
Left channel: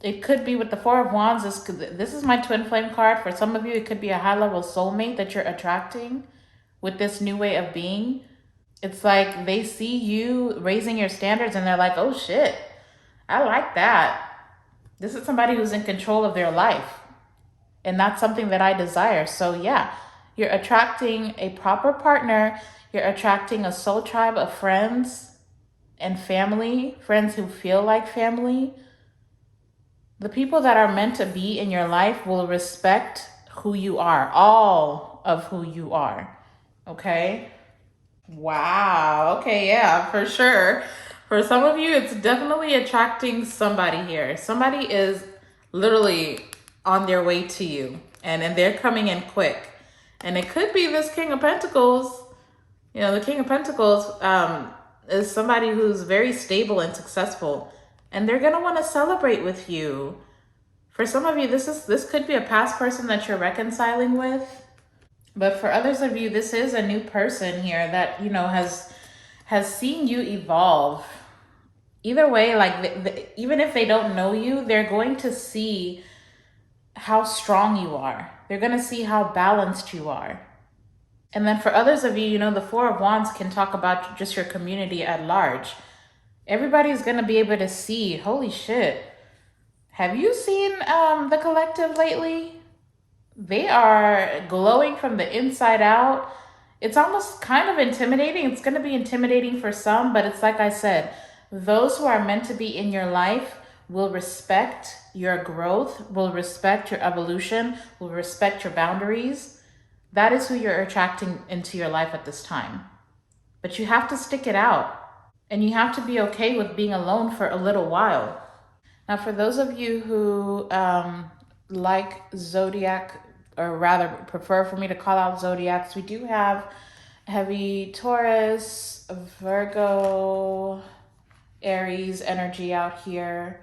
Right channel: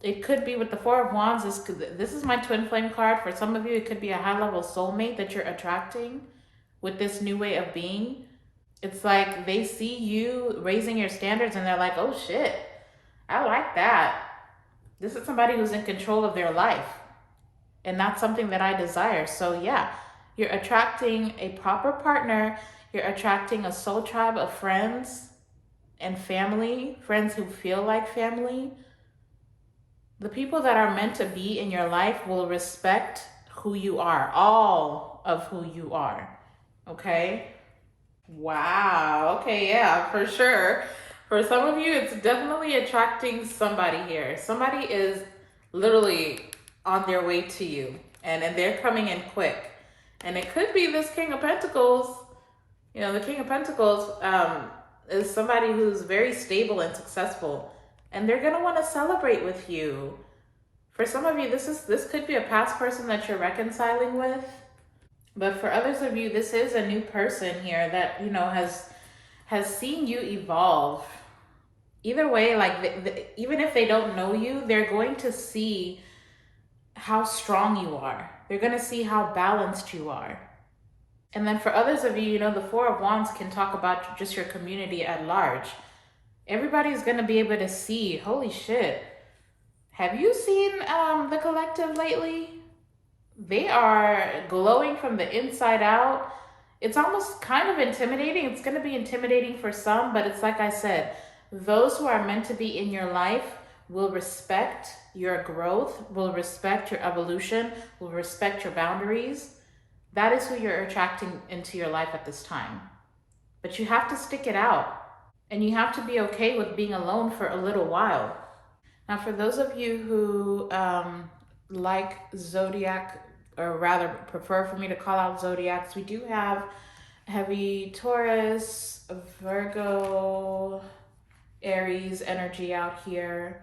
It could be with the Four of Wands. This is my twin flame card. For some of you, it could be a high-level soulmate that you're attracting with this new way of being. It's like they see you raising your standards and they're like, oh shit, I like that. This is somebody who's in control of their life. And that's something that I desire. So yeah, you're attracting a proper partner. You're attracting a soul tribe of friends and family, friends who feel like family. The people that are meant to be in your life will respect who you are, all of who you are. Okay? Wow. Okay, yeah, for sure. For some of you, it's definitely attracting somebody here. Somebody is literally on their way to you, and they're coming in quick. And it could be this King of Pentacles. You know, the King of Pentacles is somebody who's very stable and successful, and they're gonna want to celebrate with you. For some of you, this could be a past person that you're reconciling with. But for others of you, this is a new person here that, you know, has seen you evolve. Either way, like even if they don't know you, they're going to see how strong you are. They're going to see how balanced you are. And then for others of you, you know, the Four of Wands can talk about just your community at large. Everybody's going to be able to see, holy shit, have you seen the collective lately? They are glowing from the inside out. It's almost kind of intimidating. It's going to be intimidating for some, but it's like I said, those who are meant to be in your life will respect your growth, will respect your evolution, will respect your boundaries. That is who you're attracting into your life at this time. But you have to stick it out, and you have to be okay with being alone for a little while. Now, for those of you who like zodiac, or rather prefer for me to call out zodiacs, we do have heavy Taurus, Virgo, Aries energy out here,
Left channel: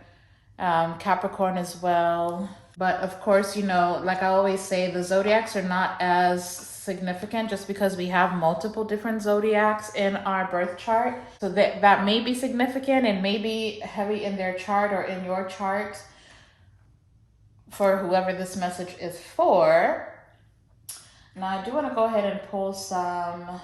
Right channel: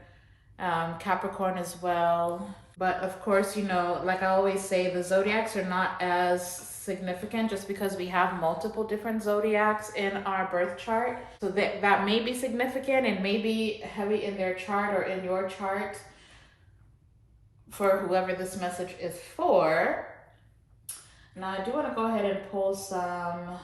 Capricorn as well. But of course, you know, like I always say, the zodiacs are not as significant just because we have multiple different zodiacs in our birth chart. So that may be significant and may be heavy in their chart or in your chart for whoever this message is for. Now I do want to go ahead and pull some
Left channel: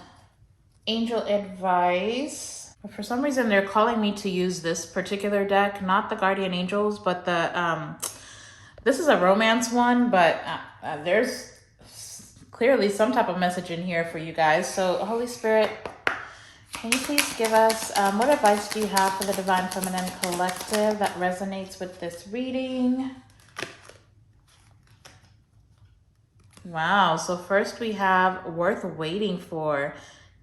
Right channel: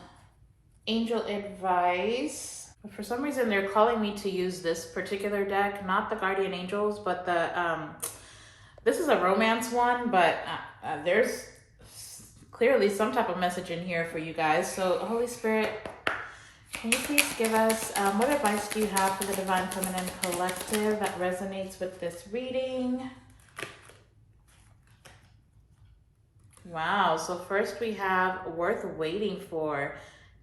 angel advice. For some reason they're calling me to use this particular deck, not the guardian angels, but the this is a romance one, but there's clearly some type of message in here for you guys. So Holy Spirit, can you please give us what advice do you have for the Divine Feminine Collective that resonates with this reading? Wow, so first we have worth waiting for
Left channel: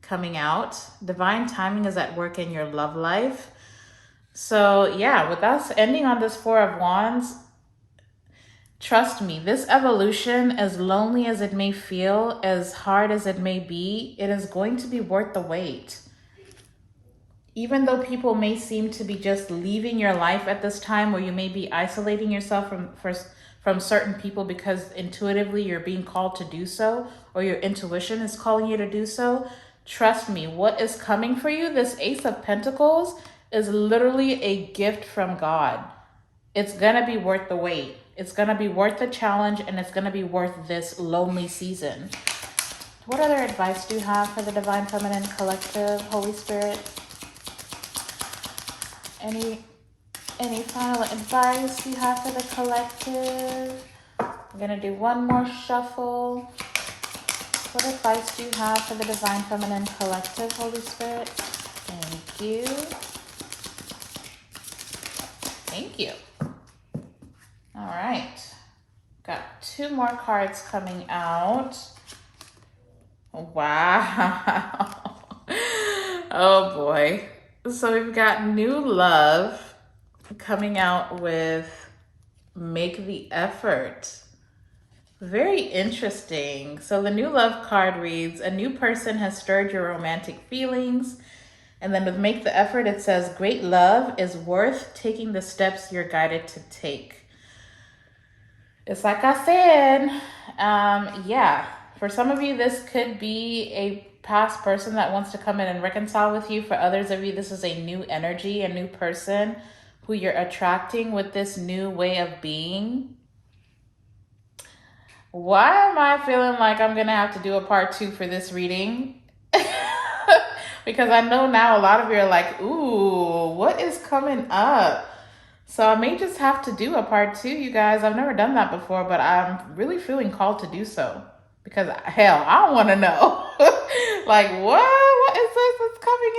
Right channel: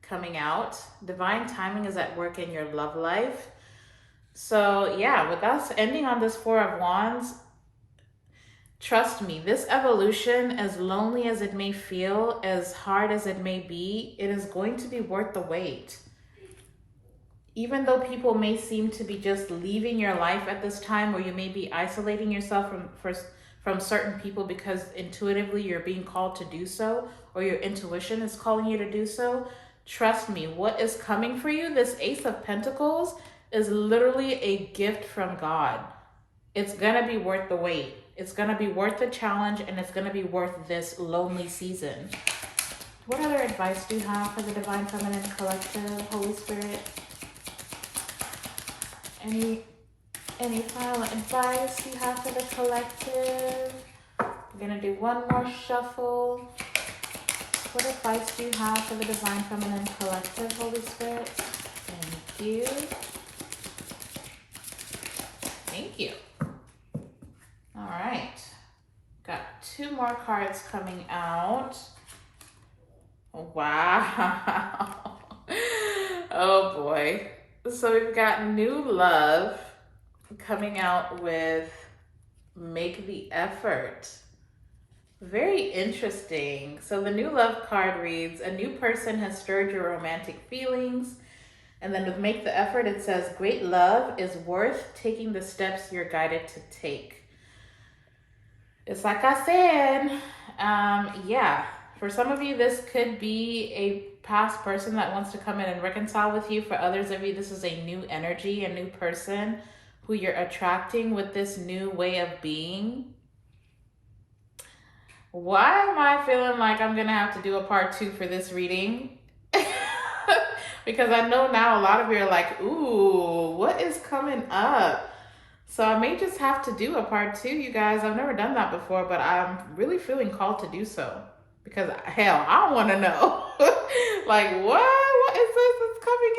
coming out. Divine timing is at work in your love life. So yeah, with us ending on this Four of Wands, trust me, this evolution, as lonely as it may feel, as hard as it may be, it is going to be worth the wait. Even though people may seem to be just leaving your life at this time, or you may be isolating yourself from certain people because intuitively you're being called to do so, or your intuition is calling you to do so, trust me, what is coming for you, this Ace of Pentacles, is literally a gift from God. It's gonna be worth the wait. It's gonna be worth the challenge, and it's gonna be worth this lonely season. What other advice do you have for the Divine Feminine Collective, Holy Spirit? Any final advice you have for the collective? I'm gonna do one more shuffle. What advice do you have for the Divine Feminine Collective, Holy Spirit? Thank you. Thank you. All right. Got two more cards coming out. Wow. Oh boy. So we've got new love coming out with make the effort. Very interesting. So the new love card reads, a new person has stirred your romantic feelings. And then with make the effort, it says, great love is worth taking the steps you're guided to take. It's like I said, yeah, for some of you, this could be a past person that wants to come in and reconcile with you. For others of you, this is a new energy, a new person who you're attracting with this new way of being. Why am I feeling like I'm gonna have to do a part 2 for this reading? Because I know now a lot of you are like, ooh, what is coming up? So I may just have to do a part 2, you guys. I've never done that before, but I'm really feeling called to do so. Because hell, I don't wanna know. Like, what is this that's coming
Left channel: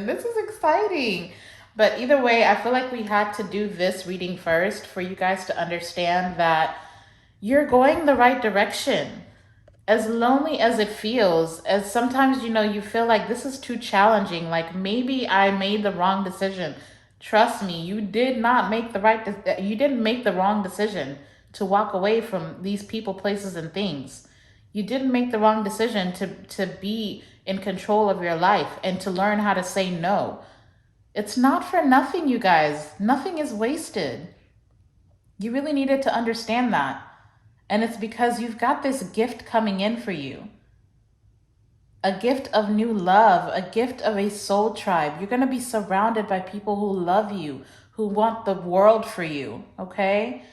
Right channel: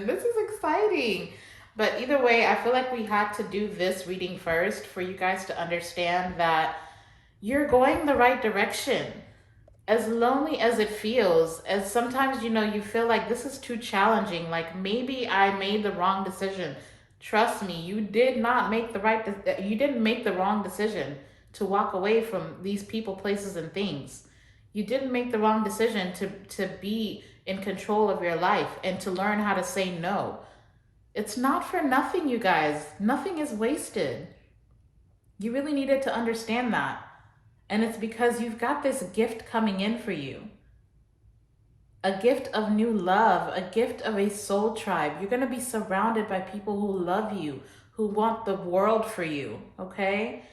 in? This is exciting. But either way, I feel like we had to do this reading first for you guys to understand that you're going the right direction. As lonely as it feels, as sometimes, you feel like this is too challenging, like maybe I made the wrong decision. Trust me, you did not make the you didn't make the wrong decision to walk away from these people, places, and things. You didn't make the wrong decision to be in control of your life and to learn how to say no. It's not for nothing, you guys. Nothing is wasted. You really needed to understand that. And it's because you've got this gift coming in for you, a gift of new love, a gift of a soul tribe. You're going to be surrounded by people who love you, who want the world for you, okay?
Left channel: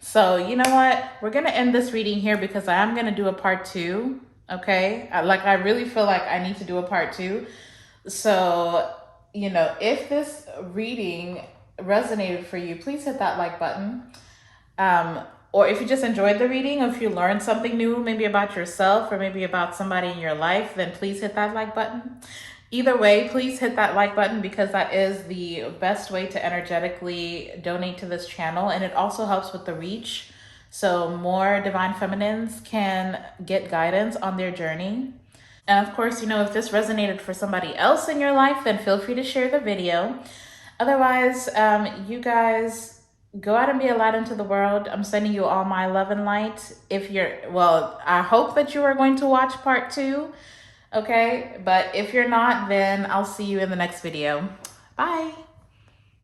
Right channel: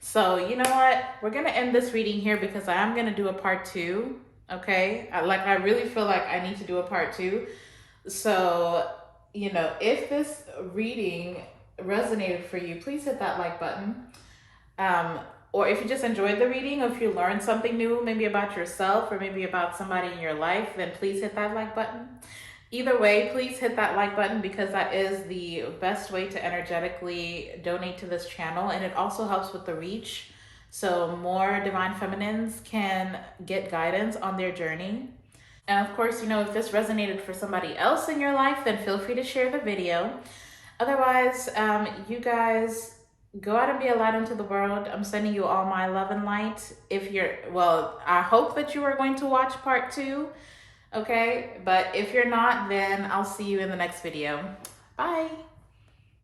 So, you know what? We're going to end this reading here because I am going to do a part 2, okay? I really feel like I need to do a part 2. So, if this reading resonated for you, please hit that like button. Or if you just enjoyed the reading, or if you learned something new, maybe about yourself or maybe about somebody in your life, then please hit that like button. Either way, please hit that like button because that is the best way to energetically donate to this channel. And it also helps with the reach. So more divine feminines can get guidance on their journey. And of course, if this resonated for somebody else in your life, then feel free to share the video. Otherwise, you guys go out and be a light into the world. I'm sending you all my love and light. I hope that you are going to watch part 2, okay? But if you're not, then I'll see you in the next video. Bye.